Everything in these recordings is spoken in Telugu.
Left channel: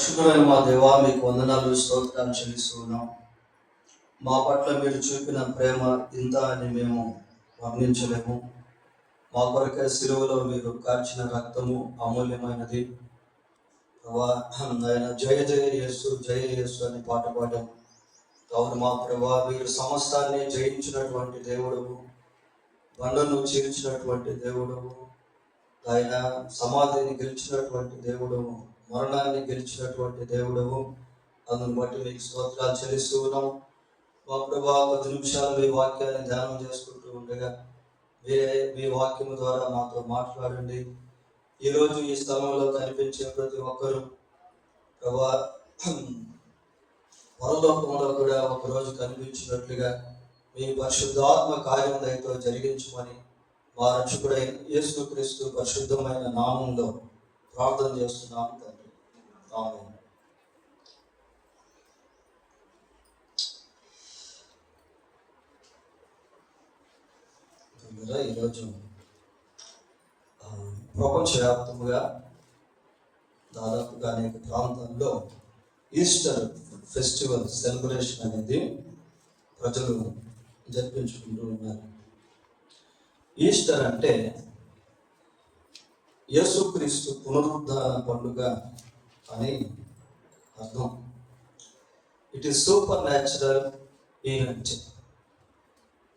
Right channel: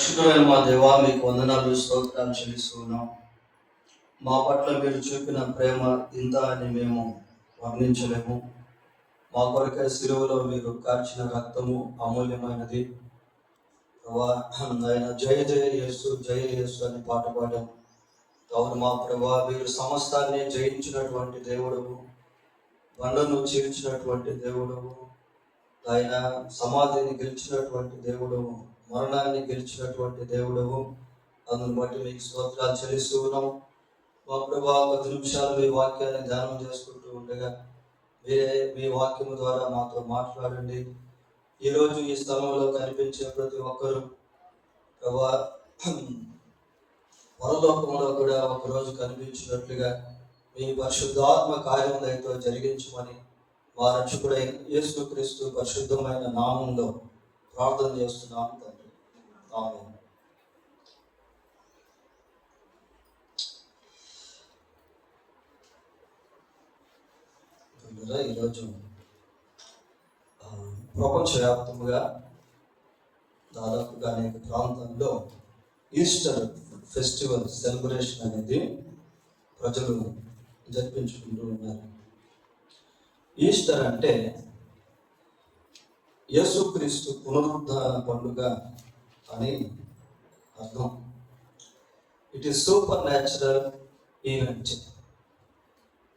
పరిశుద్ధమైన మా దేవా, మీకు వందనాలు స్తోత్రాలు చెల్లిస్తున్నాం. మా పట్ల మీరు చూపిన ప్రేమ ఇంత అని మేము వర్ణించలేము. మా కొరకే సిలువలో మీరు కార్చిన రక్తము అమూల్యమైనది. ఆయన జయ జయ యేసు జయ యేసు అని పాట పాడాం. కావున మా ప్రభా, మీరు సమస్తాన్ని జయించినటువంటి దేవుడవు, బండను చీల్చినటువంటి దేవుడవు, ఆయన సమాధిని గెలిచినటువంటి దేవుడవు, మరణాన్ని గెలిచినటువంటి దేవుడవు. అందుని బట్టి మీకు స్తోత్రాలు చెల్లిస్తూ ఉన్నాం. మా ప్రభా, 10 నిమిషాలు మీ వాక్యాన్ని ధ్యానం చేసుకుంటూ ఉండగా మీరే మీ వాక్యం ద్వారా మాతో మాట్లాడండి. ఈరోజు ఈ స్థలంలో కనిపించే ప్రతి ఒక్కరూ ప్రభా, పరలోకంలో కూడా ఒకరోజు కనిపించినట్లుగా మీ పరిశుద్ధాత్మ కార్యం దయతో జరిగించమని మా రక్షకుడైన యేసుక్రీస్తు పరిశుద్ధమైన నామంలో ప్రార్థన చేస్తున్నాము తండ్రి. ఆమేన్. ఈరోజు ప్రపంచవ్యాప్తంగా దాదాపుగా అనేక ప్రాంతాల్లో ఈస్టర్ ఫెస్టివల్ సెలబ్రేషన్ అనేది ప్రజలు జరిపించుకుంటూ ఉన్నారు. ఈస్టర్ అంటే యేసుక్రీస్తు పునరుద్ధాన పండుగ అని అర్థం. It is super natural event.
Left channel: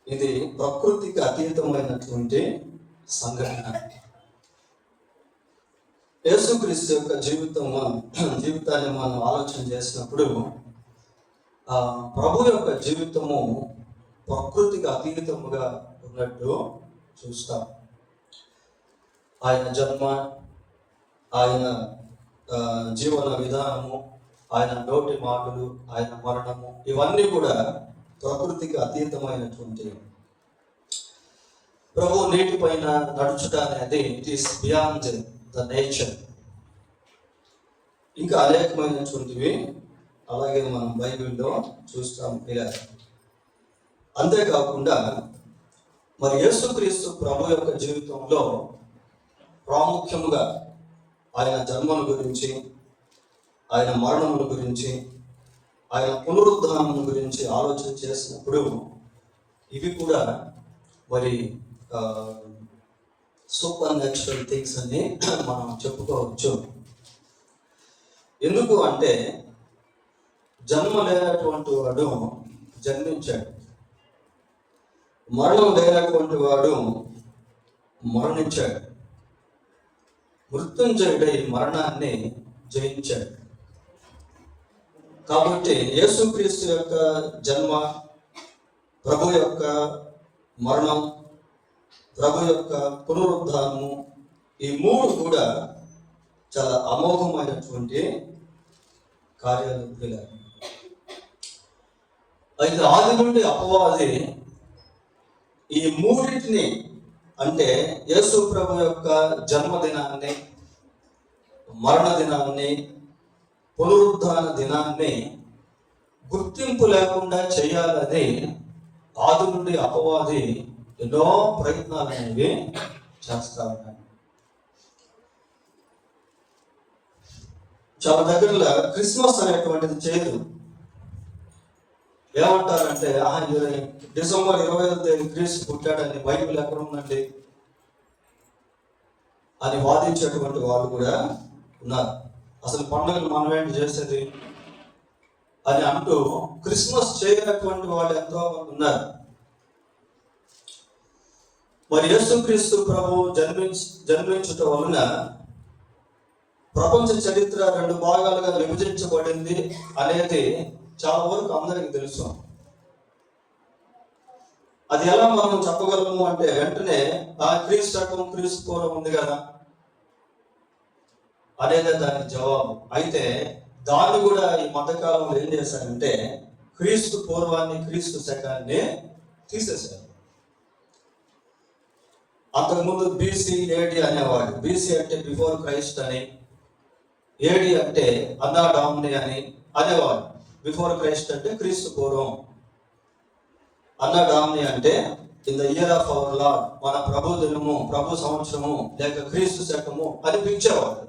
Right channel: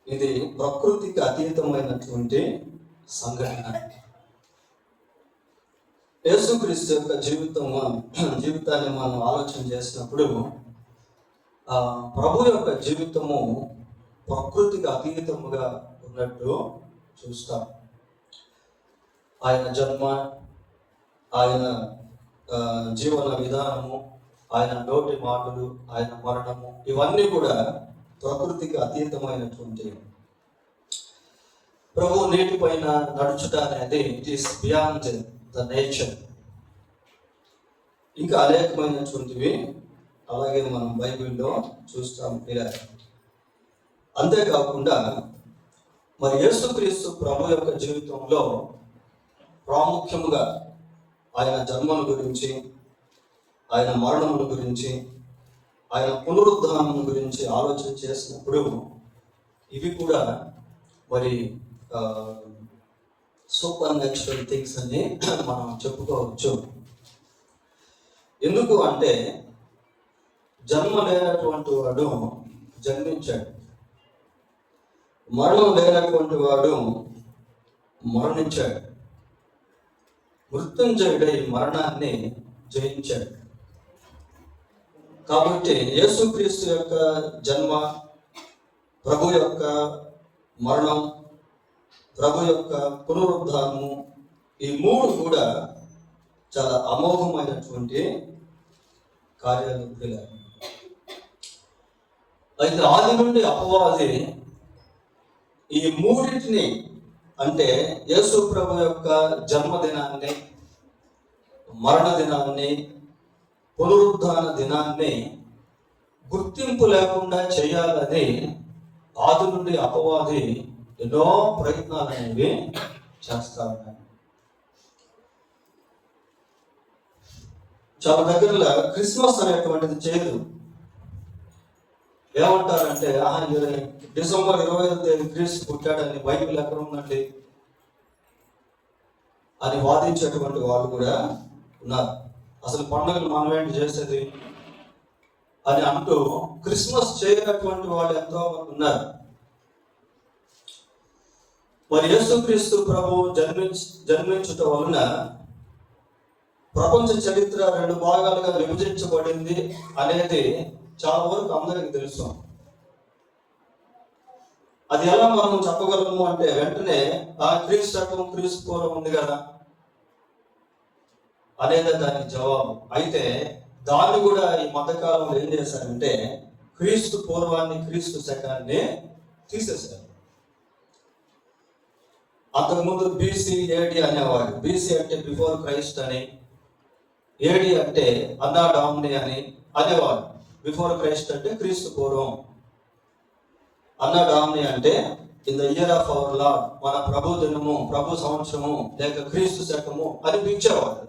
ఇది ప్రకృతికి అతీతమైనటువంటి సంఘటన. యేసుక్రీస్తు యొక్క జీవితాన్ని మనం ఆలోచన చేసినప్పుడు ప్రభు యొక్క జీవితము ప్రకృతికి అతీతముగా ఉన్నట్టు చూస్తాం. ఆయన జన్మ, ఆయన జీవన విధానము, ఆయన నోటి మాటలు, ఆయన మరణము, ఇవన్నీ కూడా ప్రకృతికి అతీతమైనటువంటివి. ప్రభు నీటి పైన నడుచుట అనేది it is beyond the nature. ఇంకా అనేకమైనటువంటివి అలాగే మనం బైబిల్లో చూస్తాం ఇలా. అంతేకాకుండా మరి యేసుక్రీస్తు ప్రభు యొక్క జీవితంలో ప్రాముఖ్యముగా ఆయన జన్మను గురించి, ఆయన మరణముల గురించి, ఆయన పునరుద్ధానం గురించి ఆలోచన చేసినప్పుడు ఇవి కూడా మరి సూపర్ న్యాచురల్ థింగ్స్ అని మనం చెప్పుకోవచ్చు. ఎందుకు అంటే జన్మ లేనటువంటి వాడు జన్మించాడు, మరణం లేనటువంటి వాడు మరణించాడు, మృత్యుంజయుడై మరణాన్ని జయించాడు. కాబట్టి యేసుక్రీస్తు యొక్క జన్మ, ప్రభు యొక్క మరణం, ప్రభు యొక్క పునరుద్ధానము, ఈ మూడు కూడా చాలా అమోఘమైనటువంటి కార్యాలు. అయితే ఆది నుండి అపవాది ఈ మూడింటిని, అంటే యేసు ప్రభు యొక్క జన్మదినాన్ని, మరణ దినాన్ని, పునరుద్ధాన దినాన్ని గుర్తింపు లేకుండా చేయాలని ఆది నుండి అపవాది ఎన్నో ప్రయత్నాలు అనేవి చేస్తా ఉన్నాడు. చాలా దగ్గరలో క్రిస్మస్ అనేటువంటిది చేయదు. ఏమంటారంటే డిసెంబర్ 25వ తేదీ క్రీస్తు పుట్టాడని బైబిల్ ఎక్కడ ఉందండి అని వాదించేటువంటి వాళ్ళు కూడా ఉన్నారు. అసలు పండుగలు మనం ఏంటి చేసేది అని అంటూ క్రిస్మస్ చేయనటువంటి వాళ్ళు ఎంతో మంది ఉన్నారు. మరి యేసుక్రీస్తు ప్రభు జన్మించటం వలన ప్రపంచ చరిత్ర 2 భాగాలుగా విభజించబడింది అనేది చాలా వరకు అందరికి తెలుసు. అది ఎలా మనం చెప్పగలము అంటే వెంటనే క్రీస్తు పూర్వం ఉంది కదా అనేది దానికి జవాబు. అయితే దాన్ని కూడా ఈ మధ్యకాలంలో ఏం చేశారంటే క్రీస్తు పూర్వాన్ని, క్రీస్తు శకాన్ని తీసేశారు. అంతకుముందు బీసీ, ఏడి అనేవాడు. బీసీ అంటే బిఫోర్ క్రైస్ట్ అని, ఏడి అంటే అన్నా డామిని అని అనేవాడు. బిఫోర్ క్రైస్ట్ అంటే క్రీస్తు పూర్వం, అన్నా డామిని అంటే in the year of our Lord, మన ప్రభు దినము, ప్రభు సంవత్సరము లేక క్రీస్తు శకము అని పిలిచేవాడు.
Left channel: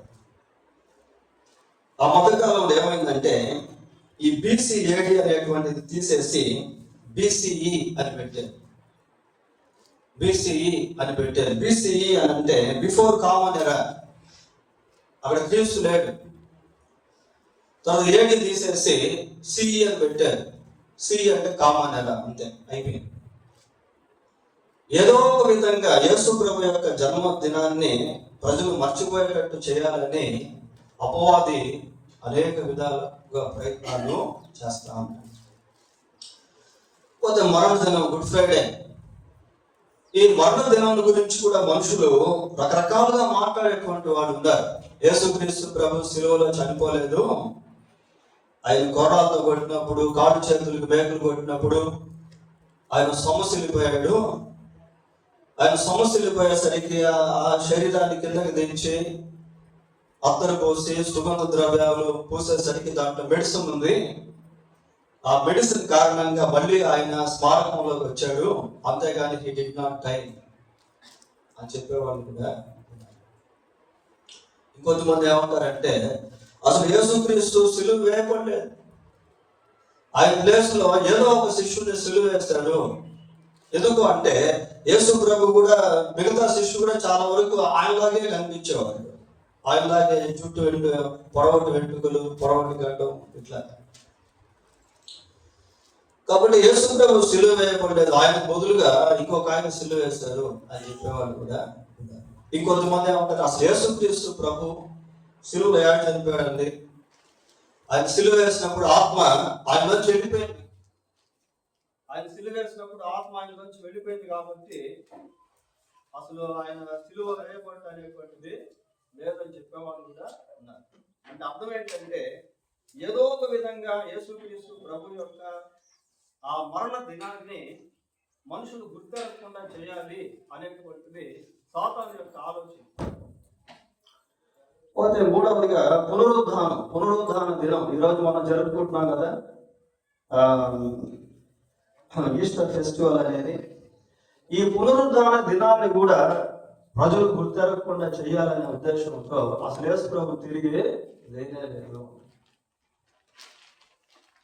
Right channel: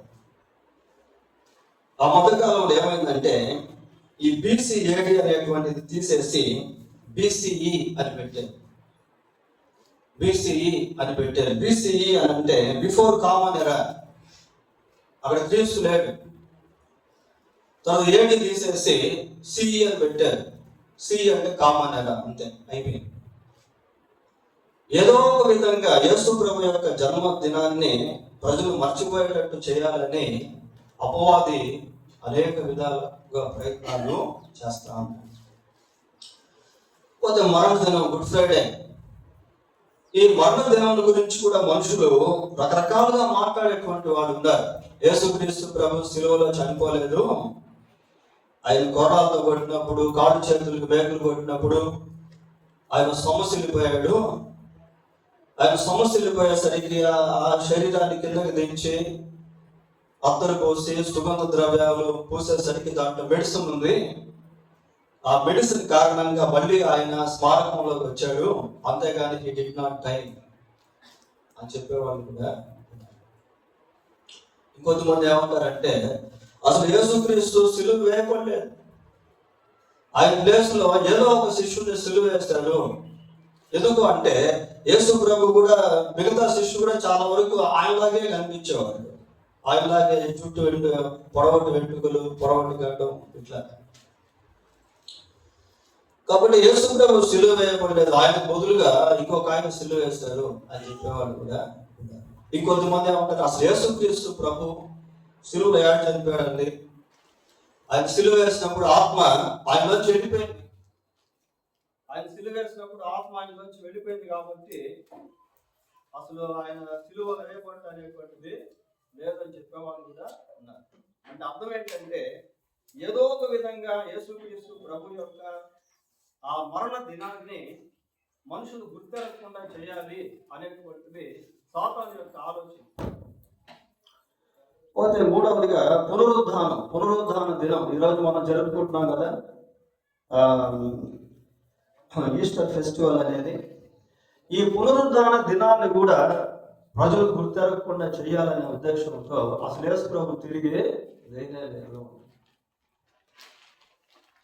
ఆ మధ్యకాలంలో ఏమైందంటే ఈ BCAD అనేటువంటిది తీసేసి BCE అని పెట్టారు. BCE అని పెట్టారు. BCE అని అంటే బిఫోర్ కామన్ ఎరా. అక్కడ క్రీస్తు లేడు. తర్వాత ఏడి తీసేసి CE అని పెట్టారు. CE అంటే కామన్ ఎరా, అంతే, అయిపోయింది. ఏదో ఒక విధంగా యేసు ప్రభు యొక్క జన్మదినాన్ని ప్రజలు మర్చిపోయేటట్టు చేయాలని అపవాది అనేక విధాలుగా ప్రయత్నాలు చేస్తా ఉంటాడు. పోతే మరణ దినం, గుడ్ ఫ్రైడే. ఈ మరణ దినం గురించి కూడా మనుషులు రకరకాలుగా మాట్లాడేటువంటి వాడు ఉన్నారు. యేసుక్రీస్తు ప్రభు శిలువలో చనిపోలేదు, ఆయన గొర్రాలతో కొట్టినప్పుడు, కాడు చేతులకు మేకలు కొట్టినప్పుడు ఆయన సమస్యలిపోయాడు. ఆయన సమస్యలిపోయేసరికి ఆ శరీరాన్ని కిందకి దించి అత్తరు పోసి సుగంధ ద్రవ్యాలు పూసేసరికి దాంట్లో మెడిసిన్ ఉంది. ఆ మెడిసిన్ కారణంగా మళ్ళీ ఆయన స్మారకంలోకి వచ్చాడు, అంతేగాని హీ డిడ్ నాట్ డై అని చెప్పేవాళ్ళు కూడా. ఇంకొంతమంది ఏమంటారంటే అసలు యేసుక్రీస్తు సిలువ వేయబడలేదు, ఆయన ప్లేస్ లో ఏదో ఒక శిష్యుడిని సిలువ వేస్తాడు. ఎందుకు అంటే యేసు ప్రభు కూడా మిగతా శిష్యుడు కూడా చాలా వరకు ఆయనలాగే కనిపించేవాడు. ఆయనలాగే చుట్టూ పొడవటి వెంట్రుకలు, పొడవటి గడ్డం, ఇట్లా. కాబట్టి యేసు ప్రభు సిలువ వేయబడలేదు, ఆయన బదులుగా ఇంకొక ఆయన సిలువ వేస్తారు అని చెప్పేవాళ్ళు కూడా. ఇంకొంతమంది ఏమంటారు అసలు యేసుక్రీస్తు ప్రభు సిలువ వేయాలని చనిపోయాడండి. ఆయన సిలువ వేసినప్పుడు ఆత్మ ఆయనలోంచి వెళ్ళిపోయింది. ఆయన సిలువ వేసినప్పుడు ఆత్మ ఆయనలోంచి వెళ్ళిపోయింది కాబట్టి అసలు ఆయన సిలువ వేయబడ్డ అనేటువంటిది లేదని చెప్పేవాళ్ళు కూడా ఉన్నారు. అంటే అర్థం ఏంటంటే ఏదో ఒక విధంగా యేసుక్రీస్తు ప్రభు యొక్క ఆ మరణ దినాన్ని మనుషులు గుర్తించకుండా చేయాలి అనేటువంటిది సాతాను యొక్క ఆలోచన. పోతే మూడవదిగా పునరుద్ధాన దినం. ఈరోజు మనం జరుపుకుంటున్నాం కదా ఈస్టర్ ఫెస్టివల్ అనేది. ఈ పునరుద్ధాన దినాన్ని కూడా ప్రజలు గుర్తించకుండా చేయాలనే ఉద్దేశంతో అసలు యేసు ప్రభు తిరిగి లేనేలేదు.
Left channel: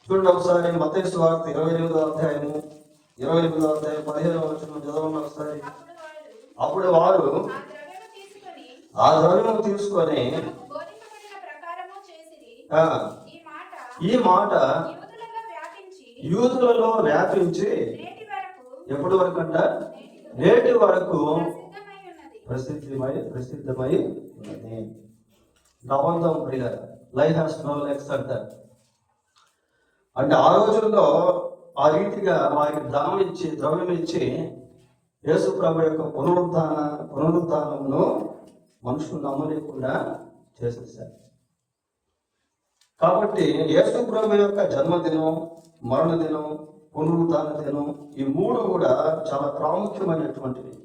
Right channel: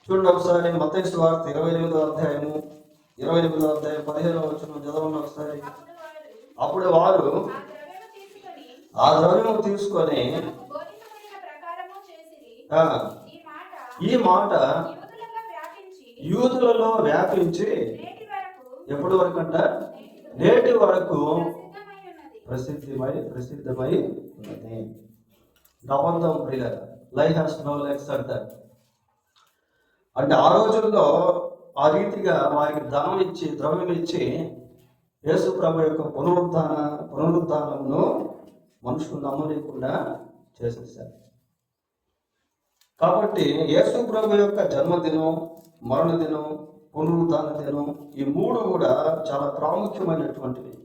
చూడండి ఒకసారి మత్తయి సువార్త 28వ అధ్యాయం 15వ వచనం చదవండి ఒకసారి. అప్పుడు వారు ఆ ద్రవ్యం తీసుకొని ఈ మాట యూదులలో వ్యాపించి ఎప్పటి వరకు అంట, నేటి వరకు ప్రసిద్ధమై ఉన్నది. నవంతం ప్రియుల లైఫ్ హాస్ నో లెగ్స్ అంటారు. అంటే ఆ రోజుల్లో ఆ రీతిగా వారికి ద్రవ్యం ఇచ్చి యేసు ప్రభు యొక్క పునరుద్ధానమును మనుషులు నమ్మలేకుండా చేసేసారు. కాబట్టి యేసు ప్రభు యొక్క జన్మదినం, మరణ దినం, పునరుద్ధాన దినం, ఈ మూడు కూడా చాలా ప్రాముఖ్యమైనటువంటివి.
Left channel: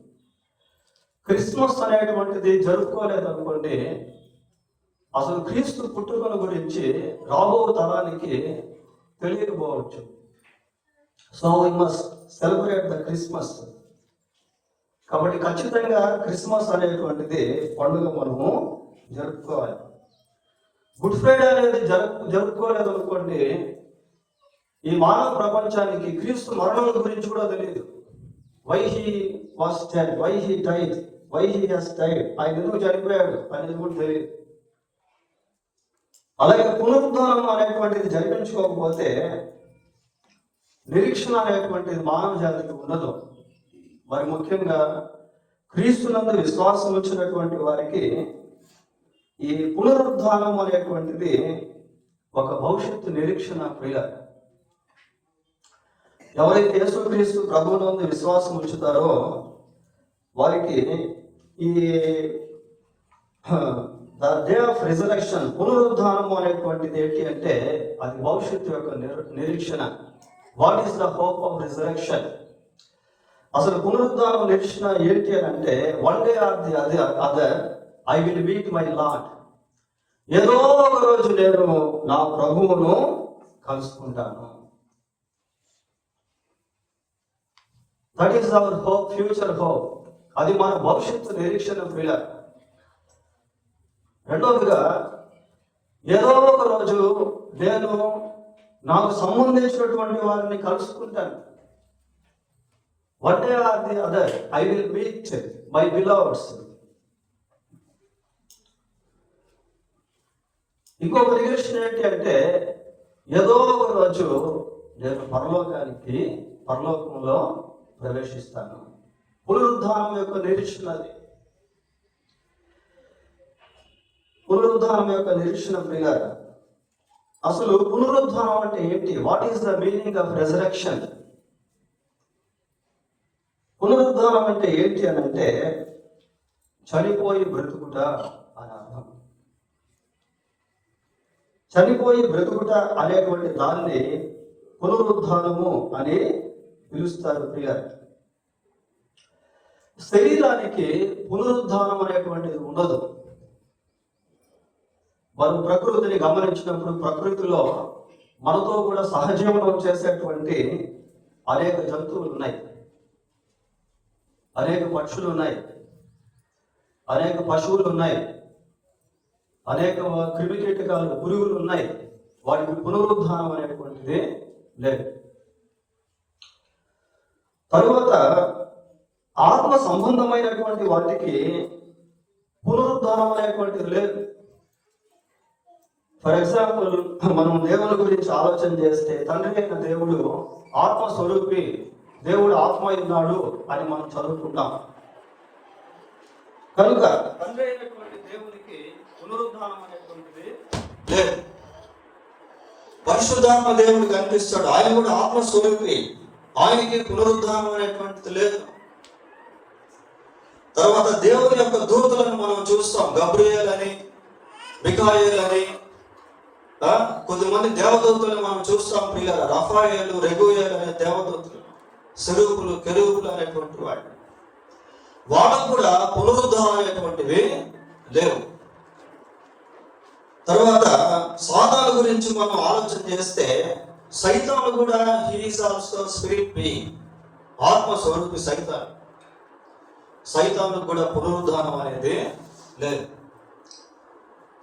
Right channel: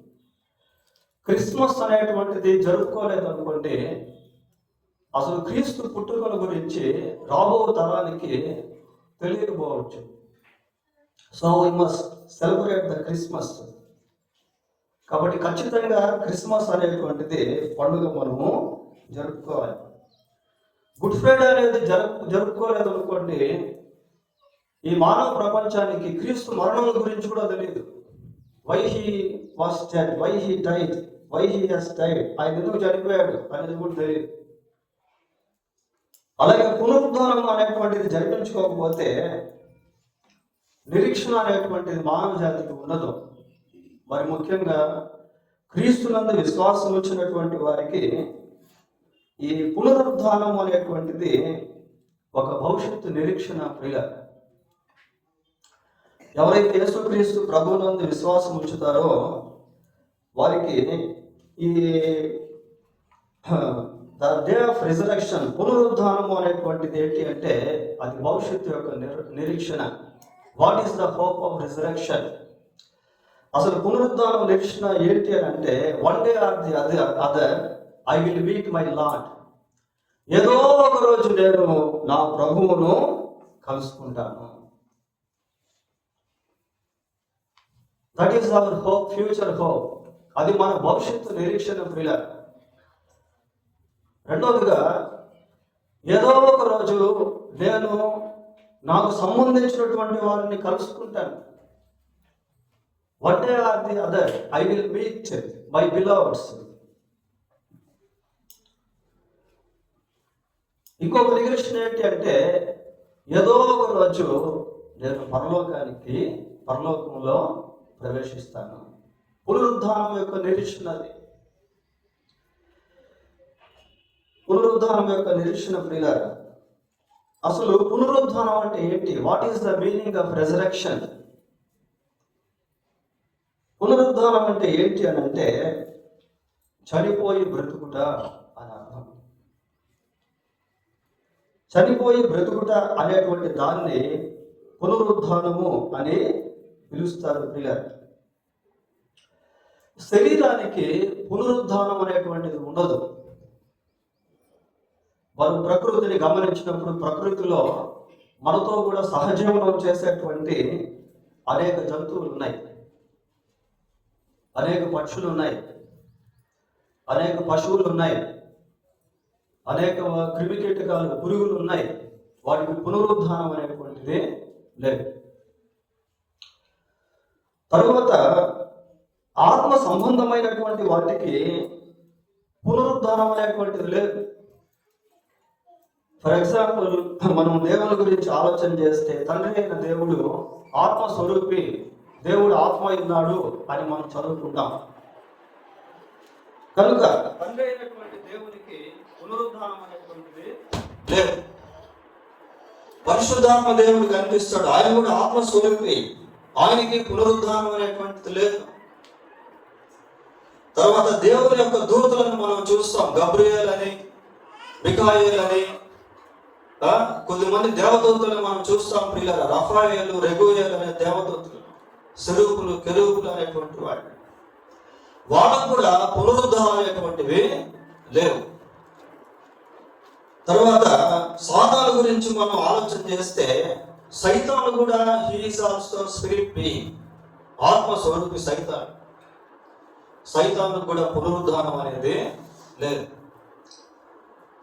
క్రిస్మస్ అనేటువంటిది జరుపుకోలేదు అనుకోండి, అసలు క్రీస్తు పుట్టుకను గురించి రాబో తరానికి తెలియకపోవచ్చు. So we must celebrate the Christmas. కాబట్టి ఖచ్చితంగా క్రిస్మస్ అనేటువంటిది పండుగ మనము జరుపుకోవాలి. గుడ్ ఫ్రైడే అనేది జరుపుకోలేదు అనుకోండి, ఈ మానవ ప్రపంచానికి క్రీస్తు మరణం గురించి కూడా తెలియదు. Why he was dead, why he died, why he has died, ఆయన ఎందుకు చనిపోయాడు అనేది కూడా తెలియదు. అలాగే పునరుద్ధానం అనేటువంటిది జరిపించుకోకపోతే నిరీక్షణ అనేటువంటిది మానవ జాతికి ఉండదు. మరి ముఖ్యంగా క్రీస్తునందు విశ్వాసం వచ్చినటువంటి వారికి ఈ పునరుద్ధానం అనేటువంటిది ఒక భవిష్యత్తు నిరీక్షణ ప్రియ. ఎవరైతే యేసుక్రీస్తు ప్రభువునందు విశ్వాసం ఉంచుతారో వారికి ఈ ద డే ఆఫ్ రిజరెక్షన్, పునరుద్ధానం అనేటువంటిది ఏంటి అంటే అది భవిష్యత్తు యొక్క నిరీక్షణ. What is the hope of resurrection? అసలు పునరుద్ధానం నిరీక్షణ ఏంటి అని అంటే one day or the other I will meet my lord. ఏదో ఒక రోజు నేను నా ప్రభువును కలుసుకుంటాను. That is our hope, future hope. అది మన భవిష్యత్తు నిరీక్షణ పిల్లర్. రెండవదిగా ఏదో ఒక రోజు నేను నాకు సంబంధించినటువంటి వారిని కలుసుకుంటాను. One day or the other I will meet my beloveds. ఇంకొక రిలేషన్ ఏంటి అంటే, ఏదో ఒక రోజు నేను పరలోకంలో ప్రవేశిస్తాను. పునరుద్ధానం యొక్క నిరీక్షణ అది. పునరుద్ధానం యొక్క నిరీక్షణ ప్రియులారా, అసలు పునరుద్ధానం అంటే ఏంటి? What is the meaning of resurrection? పునరుద్ధానం అంటే ఏంటి అని అంటే, చనిపోయి బ్రతుకుట అని అర్థం. చనిపోయి బ్రతుకుట అనేటువంటి దాన్ని పునరుద్ధానము అని పిలుస్తారు ప్రియులారా. శరీరానికి పునరుద్ధానం అనేటువంటిది ఉండదు. మనం ప్రకృతిని గమనించినప్పుడు ప్రకృతిలో మనతో కూడా సహజీవనం చేసేటువంటి అనేక జంతువులు ఉన్నాయి, అనేక పక్షులు ఉన్నాయి, అనేక పశువులు ఉన్నాయి, అనేక క్రిమికీటకాలు పురుగులు ఉన్నాయి. వాటికి పునరుద్ధానం అనేటువంటిది లేదు. తరువాత ఆత్మ సంబంధమైనటువంటి వాటికి పునరుద్ధానం అనేటువంటిది లేదు. ఫర్ ఎగ్జాంపుల్, మనం దేవుని గురించి ఆలోచన చేస్తే, తండ్రి అయిన దేవుడు ఆత్మస్వరూపి, దేవుడు ఆత్మ ఉన్నాడు అని మనం చదువుకుంటాం. కనుక తండ్రి అయినటువంటి దేవునికి పునరుద్ధానం అనేటువంటిది లేదు. పరిశుద్ధాత్మ దేవుడు కనిపిస్తాడు, ఆయన కూడా ఆత్మస్వరూపి, ఆయనకి పునరుద్ధానం అనేటువంటిది లేదు. తర్వాత దేవుని యొక్క దూతలను మనం చూస్తాం, గబ్రియేల్ అని, మిఖాయేల్ అని, కొద్దిమంది దేవదూతలను మనం చూస్తాం ప్రియులారా. రఫాయేలు, రెగుయేలు అనే దేవదూతలు, సెరూపులు, కెరూపులు అనేటువంటి వాడు. వాళ్ళకు కూడా పునరుద్ధానం అనేటువంటివి లేవు. తర్వాత సాతాను గురించి మనం ఆలోచన చేస్తే, సైతాను కూడా he is also spirit being, ఆత్మస్వరూపి సైతాను. సైతాను కూడా పునరుద్ధానం అనేది లేదు.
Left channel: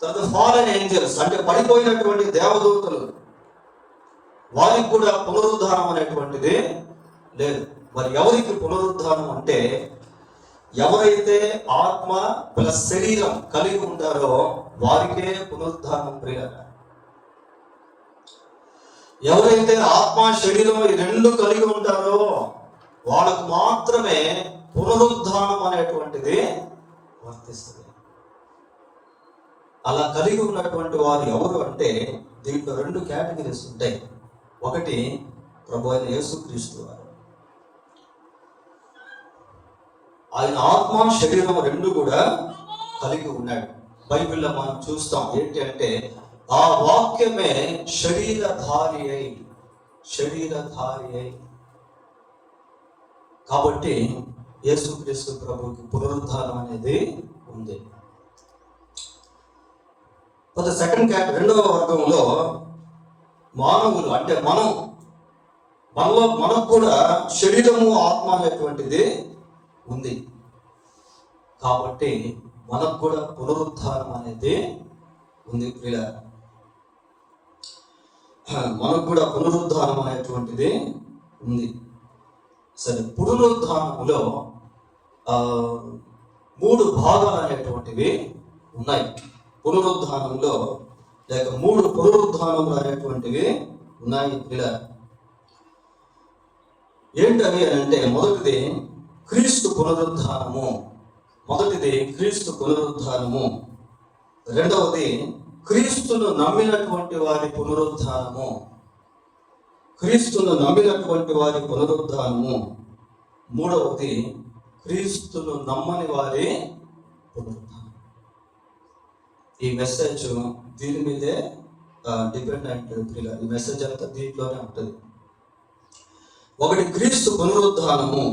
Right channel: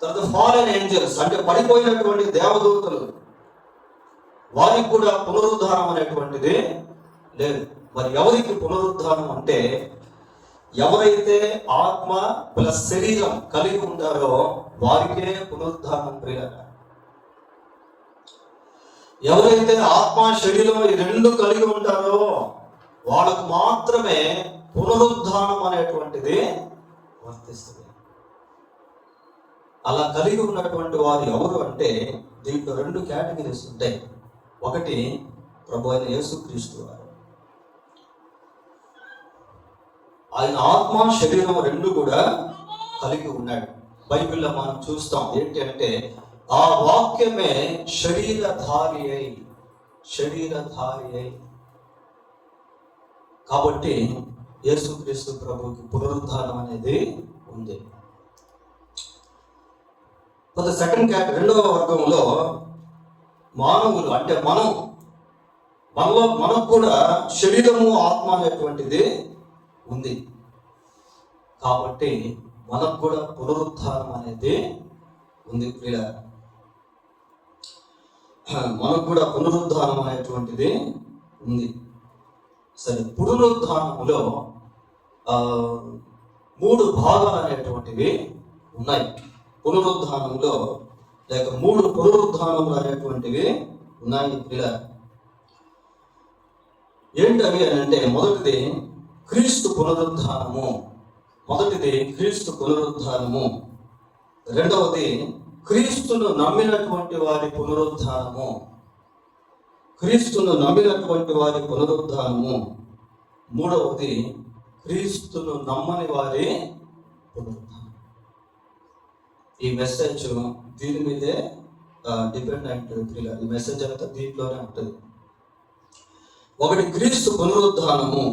తర్వాత ఫాలెన్ ఏంజల్స్ అంటే పడిపోయినటువంటి దేవదూతలు, వారికి కూడా పునరుద్ధానం అనేటువంటిది లేదు. మరి ఎవరికి పునరుద్ధానం అంటే, ఎవరైతే ఆత్మ ప్లస్ శరీరం కలిగి ఉంటారో వారికే పునరుద్ధానం ప్రియులారా. ఎవరైతే ఆత్మ శరీరం ఈ రెండు కలిగి ఉంటారో వాళ్ళకు మాత్రమే పునరుద్ధానం అనేటువంటిది వర్తిస్తుంది. అలా కలిగి ఉన్నటువంటి వారు ఎవరు అంటే, దీంట్లో రెండు కేటగిరీస్ ఉంటాయి. ఒకటి ప్రభు అయిన యేసుక్రీస్తు వారు. ఆయన ఆత్మ శరీరం రెండు కూడా కలిగి ఉన్నాడు. బైబిల్లో మనం చూస్తాం ఏంటి అంటే, ఆ వాక్యమే శరీరధారి అయి. కాబట్టి యేసుక్రీస్తు ప్రభువుకి పునరుద్ధానం అనేది ఉంది. సెకండ్ రెండవ వర్గంలో మానవులు అంటే మనకు కూడా శరీరము ఆత్మ అనేటువంటిది ఉంది. కాబట్టి మనకు కూడా పునరుద్ధానం అనేది ఉంది ప్రియులారా. మనకు కూడా పునరుద్ధానం అనేటువంటిది ఉంది. సరే, పునరుద్ధానములో 3 భాగాలు అనేటువంటివి ఉన్నాయి. పునరుద్ధానంలో లేక 3 పునరుద్ధానములు అనేటువంటివి ఉన్నాయి పిల్లలు. ఏంటవి అంటే, మొదటిది క్రీస్తు పునరుద్ధానము. రెండవది క్రీస్తును నమ్మినటువంటి వారి పునరుద్ధానము. మూడవది క్రీస్తును నమ్మని వారి పునరుద్ధానం. ఈ మెసేజ్ దీని మీదే డిపెండ్ అయింటుంది. ఈ మెసేజ్ అంతా దీంట్లోనే ఉంటుంది. ఒకటి క్రీస్తు పునరుద్ధానము,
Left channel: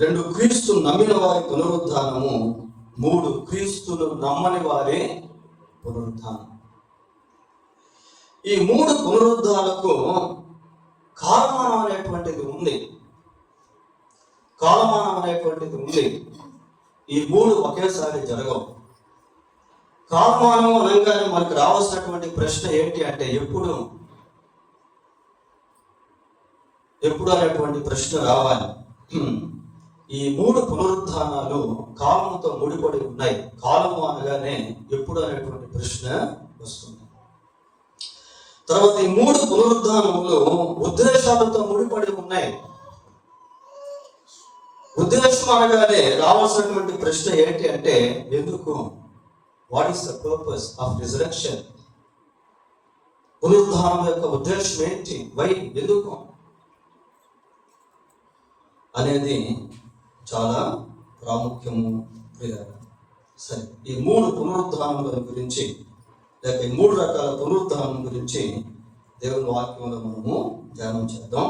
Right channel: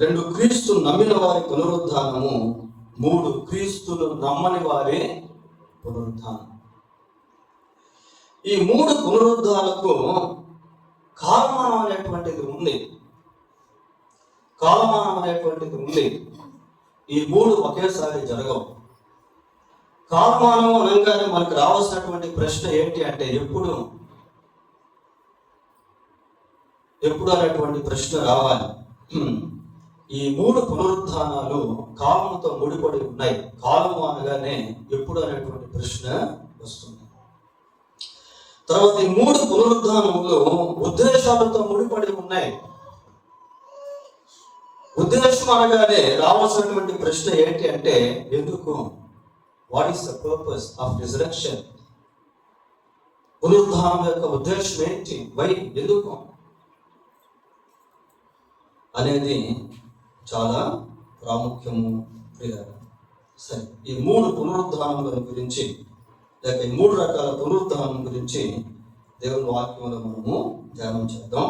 2 క్రీస్తు నమ్మిన వారి పునరుద్ధానము, 3 క్రీస్తును నమ్మని వారి పునరుద్ధానం. ఈ 3 పునరుద్ధానాలకు కాలమానం అనేటువంటిది ఉంది. ఈ 3 ఒకేసారి జరగవు. కాలమానం అనగానే మనకు రావాల్సినటువంటి ప్రశ్న ఏంటి అంటే ఎప్పుడు అనేటువంటి ప్రశ్న రావాలి. ఈ 3 పునరుద్ధానాలు కాలంతో ముడిపడి ఉన్నాయి. కాలము అనగానే ఎప్పుడు అనేటువంటి ప్రశ్న వస్తుంది. తర్వాత ఈ 3 పునరుద్ధానములు ఉద్దేశాలతో ముడిపడి ఉన్నాయి. ఉద్దేశం అనగానే రావాల్సినటువంటి ప్రశ్న ఏంటి అంటే ఎందుకు? What is the purpose of resurrection? పునరుద్ధానం యొక్క ఉద్దేశం ఏంటి? వై, ఎందుకు అనేది చాలా ప్రాముఖ్యము. సరే, ఈ 3 పునరుద్ధానముల గురించి లేక ఈ 3 రకాల పునరుద్ధానం గురించి దేవుని వాక్యంలో మనము ధ్యానం చేద్దాం.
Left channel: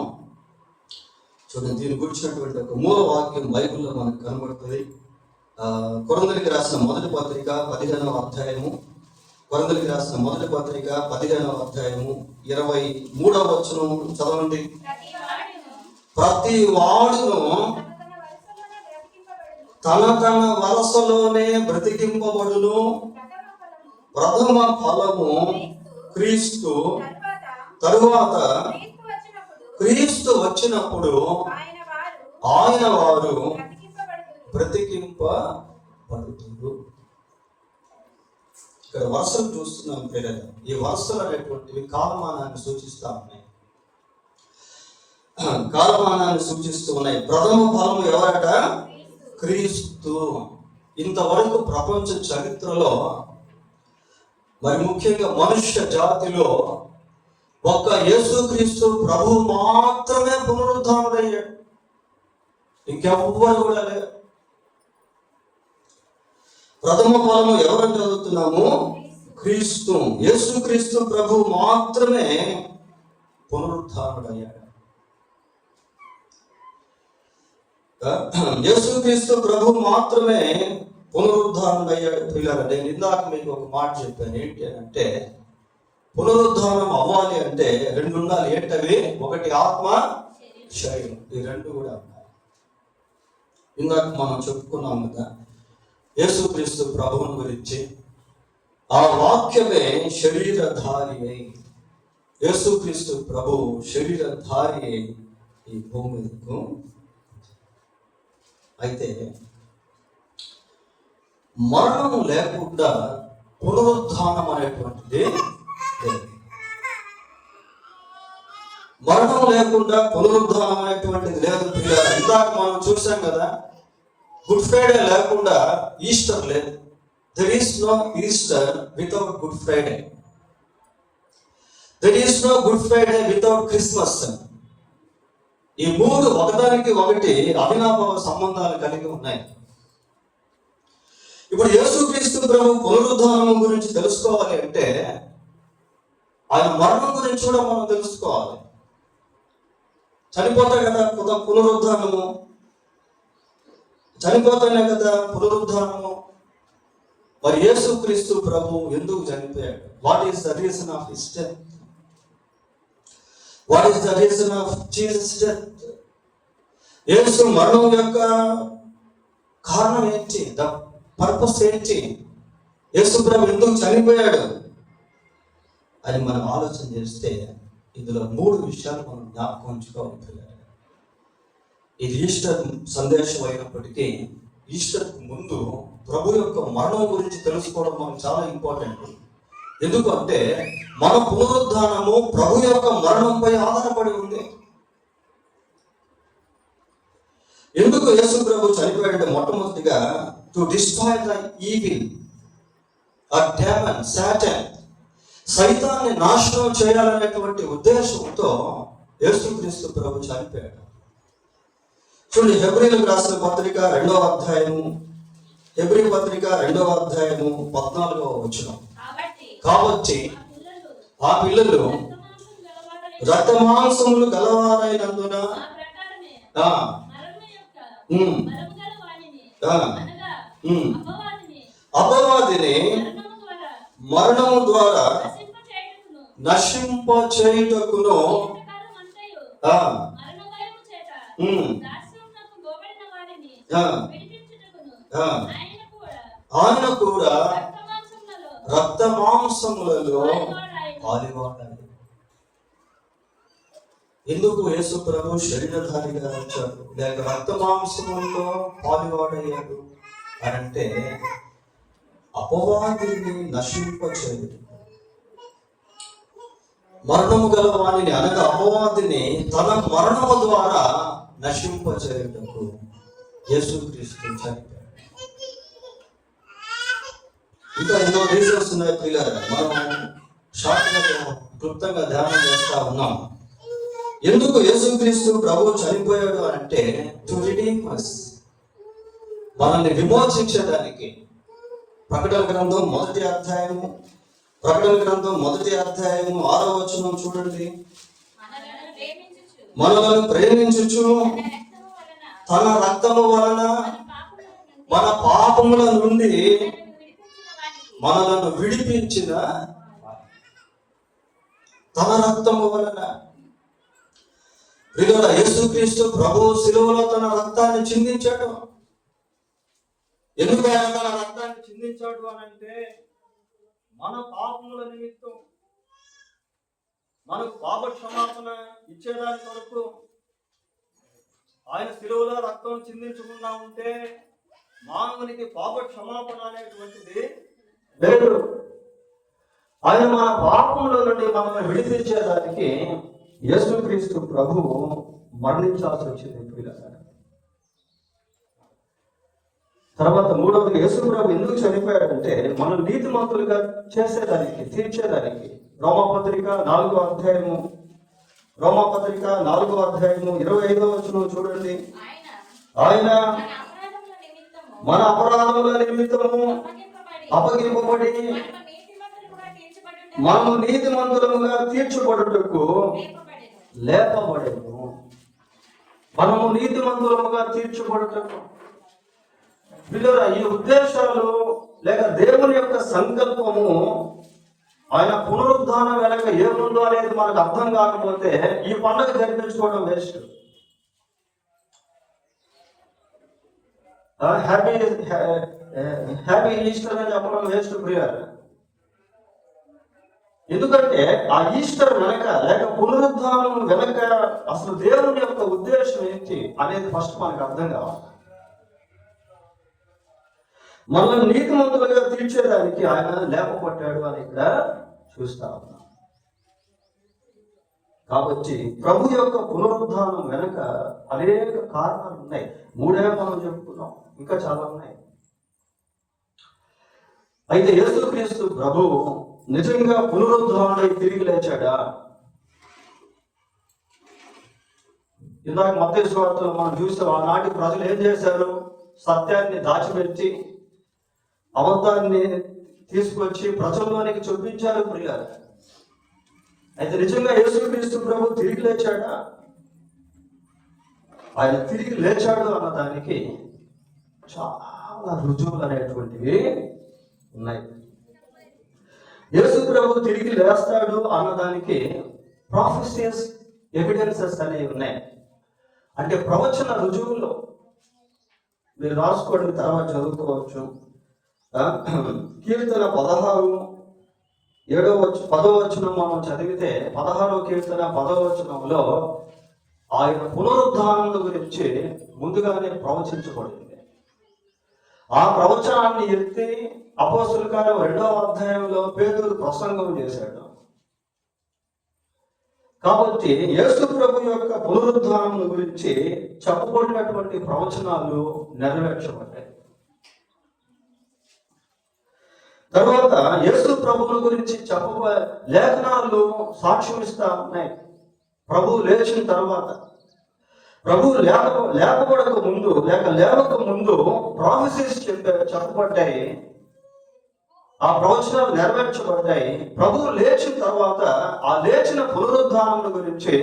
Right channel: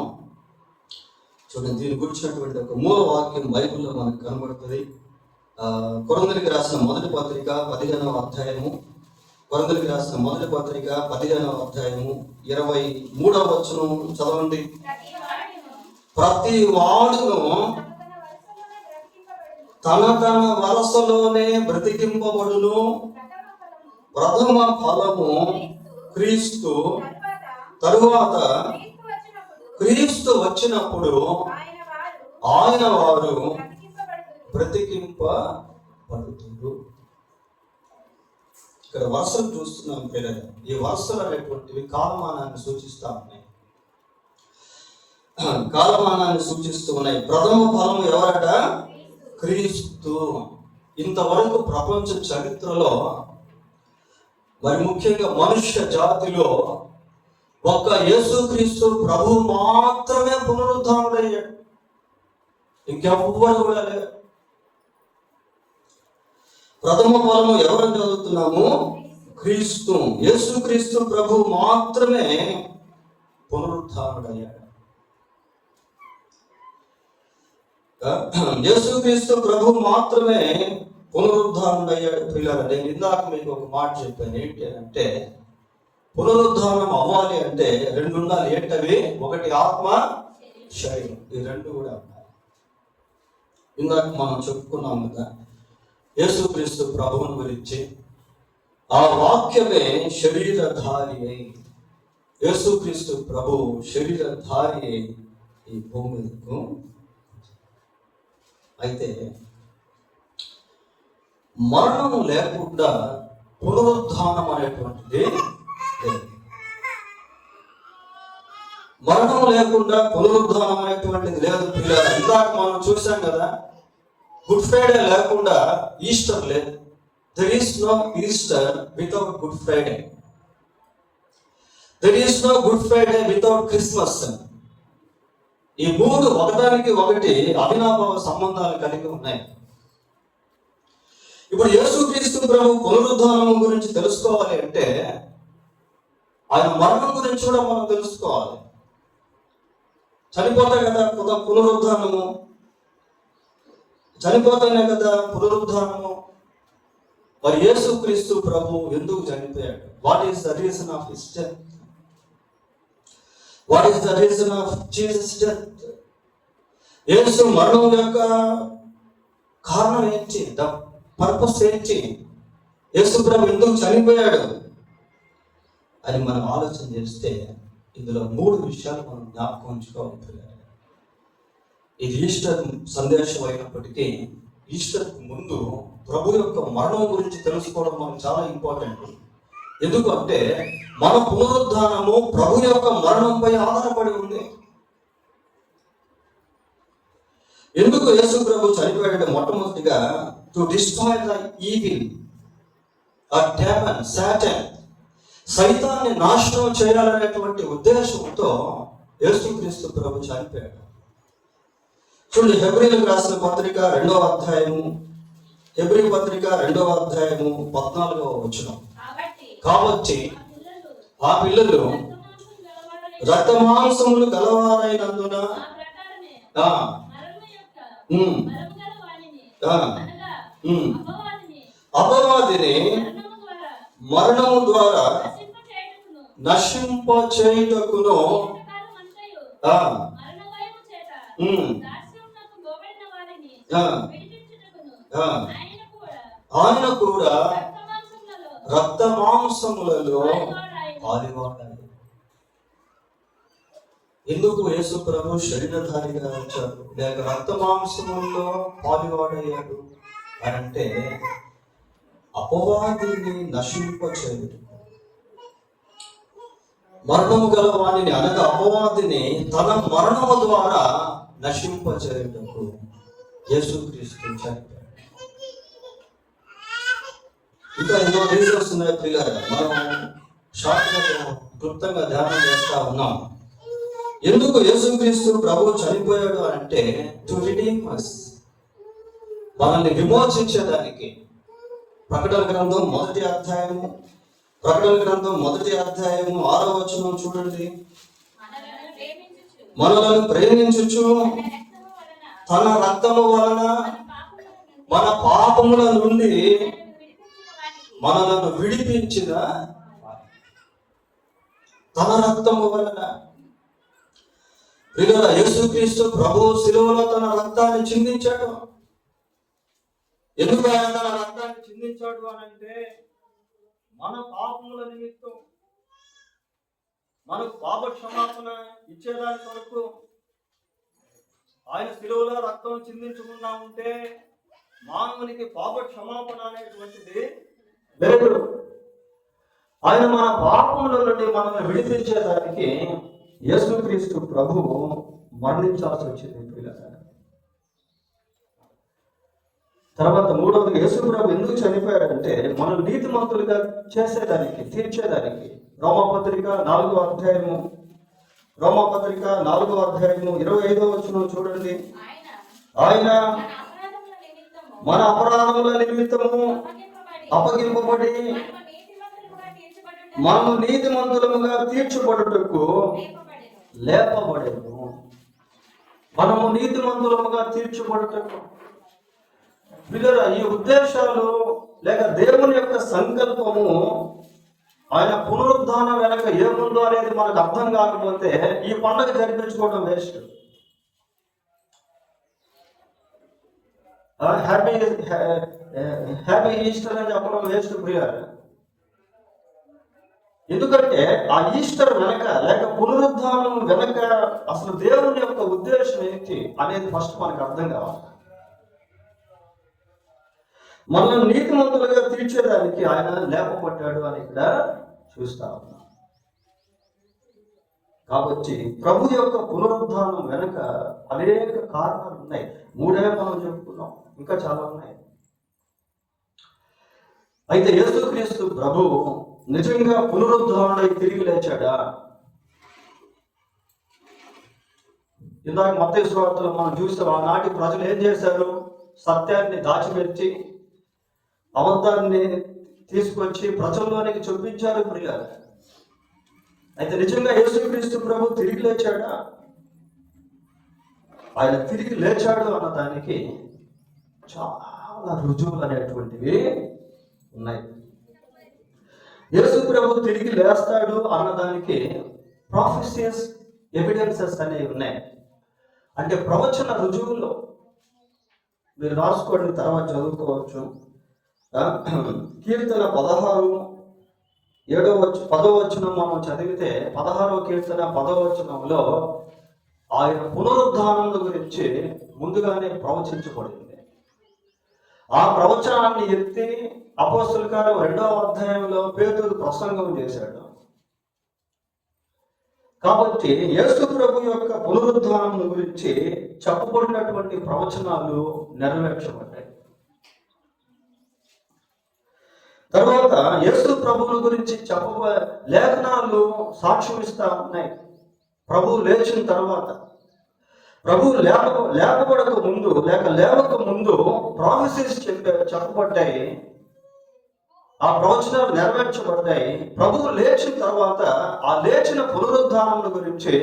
చూడండి, దీని గురించినటువంటి ఒక మూల వాక్యం బైబిల్లో మనకు కనబడుతుంది. కొరింథీయులకు రాసిన మొదటి పత్రిక 15వ అధ్యాయము, కొరింథీయులకు రాసిన మొదటి పత్రిక 15వ అధ్యాయము 23వ వచనం చదవండి. ప్రతి వాడును తన వరసలోనే బ్రతికింపబడును. ప్రథమ ఫలము క్రీస్తు, తరువాత క్రీస్తు వచ్చినప్పుడు ఆయన వారు బ్రతికింపబడుతున్నారు. ఇక్కడ వరుసలు చూస్తున్నాం పిల్లలు. ఈ వరుసలు అనేటువంటివి కాలమానాన్ని సూచిస్తా ఉన్నాయి. కాలమానాన్ని సూచిస్తూ ఉన్నాయి. ప్రథమ ఫలము ఎవరట? క్రీస్తు. ఇంతవరకు ప్రపంచ చరిత్రలో, మరి ముఖ్యంగా మనుష్య జాతిలో ఒక్క యేసుక్రీస్తు ప్రభు మాత్రమే పునరుద్ధానుడయ్యాడు. ఇంకెవ్వరు కూడా లేరు. ప్రథమ ఫలము ఎవరని చదువుతున్నాము? క్రీస్తు. యేసుక్రీస్తు ప్రభు మాత్రమే పునరుద్ధానుడయ్యాడు. యేసుక్రీస్తు ప్రభు మాత్రమే పునరుద్ధానుడయ్యాడు. పిల్లలు, నేను ఇందాక మీకు ఒక మాట చెప్పాను. ఏంటి అంటే పునరుద్ధానం అవ్వాలి అంటే 2 ఉండాలి. ఏంటవి? ఒకటి ఆత్మ, శరీరం. ఈ 2 కూడా ఉండాలి. ఇందాక మనం చెప్పుకున్నాం కదా యేసుక్రీస్తు ప్రభువుని గురించి. ఆ వాక్యమే శరీరధారి అయి, యేసుక్రీస్తు ప్రభు శరీరధారి అయి ఈ భూమి మీదకు. అయితే మరణం లేకుండా పునరుద్ధానం అనేటువంటిది లేదు. మరణం లేకుండా పునరుద్ధానం అనేటువంటిది లేదు. ఇందాక మనం చూసాం కదా, గుడ్ ఫ్రైడే లేకుండా ఈస్టర్ లేదు. There is no Easter without Good Friday. There is no Good Friday without Christmas. ఈ 3 ఒకదానికి ఒకటి అవినాభావ సంబంధాలు కలిగి ఉన్నాయి. ఇప్పుడు యేసుక్రీస్తు ప్రభు పునరుద్ధానం గురించి తెలుసుకోవాలి అంటే ఆయన మరణం గురించి కూడా మనం తెలుసుకోవాలి. చనిపోతాయి కదా పునరుద్ధానము, చనిపోతానే కదా పునరుద్ధానము. మరి యేసుక్రీస్తు ప్రభు ఎందుకు చనిపోయాడు? What is the reason of his death? What is the reason of Jesus death? యేసు మరణం యొక్క కారణం ఏంటి? ద పర్పస్ ఏంటి? యేసు ప్రభు ఎందుకు చనిపోయాడు అని మనం ఆలోచన చేస్తే ఇందులో 3 విషయాలు మనం జ్ఞాపకం ఉంచుకోవాలి. ఇది ఈస్టర్ సందేశం అయినప్పటికీ ఈస్టర్ ముందు ప్రభు యొక్క మరణం గురించి తెలుసుకోవడం మనకు చాలా ఇంపార్టెంట్. ఎందుకంటే మన పునరుద్ధానము ప్రభు యొక్క మరణంపై ఆధారపడి ఉంది. ఎందుకు యేసు ప్రభు చనిపోయాడంటే మొట్టమొదటిగా to destroy the evil or demon, Satan, సైతాన్ని నాశనం చేయాలనేటువంటి ఉద్దేశంతో యేసుక్రీస్తు ప్రభు చనిపోయాడు. చూడండి, హెబ్రీయులకు రాసిన పత్రిక 2వ అధ్యాయము, హెబ్రీ పత్రిక 2వ అధ్యాయము 14వ వచనం. కాబట్టి ఆ పిల్లలు రక్తమాంసములు గలవారైనందున అపవాదిని మరణము ద్వారా నశింపచేయుటకును ఆయన కూడా రక్త మాంసములలో పాలివాడాలి. ఎందుకు యేసు ప్రభు శరీరధారిగా వచ్చాడు, లేక రక్త మాంసములలో పాలివాడయ్యాడు అంటే అపవాదిని నశింపచేయడు. మరణము గల వాణిని అనగా అపవాదిని తన మరణము ద్వారా నశింపచేయటకు యేసుక్రీస్తు చనిపోయాడు. ఇంకా ఎన్నో రీజన్స్ ఉన్నాయి పిల్లలు, మనం షార్ట్గా క్లుప్తంగా ధ్యానం చేస్తా ఉన్నాం. ఎందుకు యేసుక్రీస్తు ప్రభు చనిపోయాడు అంటే టు రిడీమ్ us, మనల్ని విమోచించడానికి. ప్రకటన గ్రంథం 1వ అధ్యాయము 6వ వచనం చూడండి. మనలను ప్రేమించుచు తన రక్తము వలన మన పాపముల నుండి మనలను విడిపించిన తన రక్తము వలన. యేసుక్రీస్తు ప్రభు శిలువలో తన రక్తాన్ని చిందించాడు. ఎందుకు ఆయన తన రక్తాన్ని చిందించాడు అని అంటే మన పాపముల నిమిత్తం, మనకు పాప క్షమాపణ ఇచ్చేదాని కొరకు ఆయన శిలువలో రక్తం చిందించకుండా ఉంటే మానవునికి పాప క్షమాపణ అనేటువంటిది లేదు. ఆయన మన పాపముల నుండి మనల్ని విడిపించేదానికి యేసుక్రీస్తు ప్రభువు మరణించాల్సి వచ్చింది. తర్వాత మూడవది, యేసు ప్రభు ఎందుకు చనిపోయాడంటే మనం నీతిమంతులుగా చేసేదానికి, తీర్చేదానికి. రోమాపత్రిక 4వ అధ్యాయము 25వ వచనం చూడండి. ఆయన మన అపరాధముల నిమిత్తము అప్పగింపబడి మనము నీతిమంతులుగా తీర్చబడుటకు లేపబడేము. మనము నీతిమంతులుగా తీర్చబడుటకు. పిల్లరా, ఈ ఉద్దేశాలు లేక దేవుని యొక్క సంకల్పము, ఆయన పునరుద్ధానం వెనక ఏముందో అనేది మనకు అర్థం కాకపోతే ఈ పండుగ జరిపించుకోవడం వేస్ట్. హ్యాపీ ఈస్టర్ అని చెప్పడం వేస్ట్ ప్రియారు. ఎందుకంటే ఆ ఈస్టర్ వెనక లేక పునరుద్ధానం వెనక అసలు దేవుని యొక్క ఉద్దేశం ఏంటి అనేది ఫస్ట్ మనకు అర్థం కావాలి. మనల్ని నీతిమంతులుగా తీర్చేదానికి ఆయన లేపబడ్డాడు అని ఇక్కడ చూస్తా ఉన్నాం. కాబట్టి ప్రభు యొక్క పునరుద్ధానం వెనక అనేక కారణాలు ఉన్నాయి. 3 మనం చెప్పుకున్నాం, ఇంకా చాలా ఉన్నాయి. అయితే యేసుక్రీస్తు ప్రభు నిజంగా పునరుద్ధారణై తిరిగి లేచాడా? ఇందాక మత్తయి సువార్తలో మనం చూస్తాం, ఆనాటి ప్రజలు ఏం చేశారు? సత్యాన్ని దాచిపెట్టి అబద్ధాన్ని తీసుకొచ్చి ప్రజల్లోనికి చూపించారు ప్రియులారా. అయితే నిజంగా యేసుక్రీస్తు ప్రభు తిరిగి లేచాడా? ఆయన తిరిగి లేచాడు అన్నదానికి చాలా రుజువులు అనేటువంటివి ఉన్నాయి. యేసు ప్రభు తిరిగి లేస్తాడు అన్నదానికి ప్రాఫెసీస్, ఎవిడెన్సెస్ అనేవి ఉన్నాయి. అంటే ప్రవచన రుజువులు మీరు రాసుకోండి, తర్వాత చదువుకోవచ్చు. కీర్తన 16:10 వచనం మనం చదివితే 16వ కీర్తన 10వ వచనంలో ఆయన పునరుద్ధానం గురించి ముందుగానే ప్రవచించబడింది. ఆ ప్రవచనాన్ని ఎత్తి అపోస్తలుల కార్యం 2వ అధ్యాయంలో పేతురు ప్రసంగం చేశాడు. కాబట్టి యేసు ప్రభు యొక్క పునరుద్ధానం గురించి చెప్పబడినటువంటి ప్రవచనాలు నెరవేర్చబడ్డాయి. తర్వాత యేసు ప్రభువుల గురించి లేఖనాలు సాక్ష్యం ఇస్తా ఉన్నాయి. ప్రభువు లేచిన తర్వాత, ప్రభువు లేపబడక ముందు లేక లేవక ముందు ప్రాఫెసీస్ చెప్పబడ్డాయి. ఆ ప్రవచనాలు నెరవేర్చబడ్డాయి. ప్రభువు లేచిన తర్వాత ఆ లేచిన పునరుద్ధానం గురించి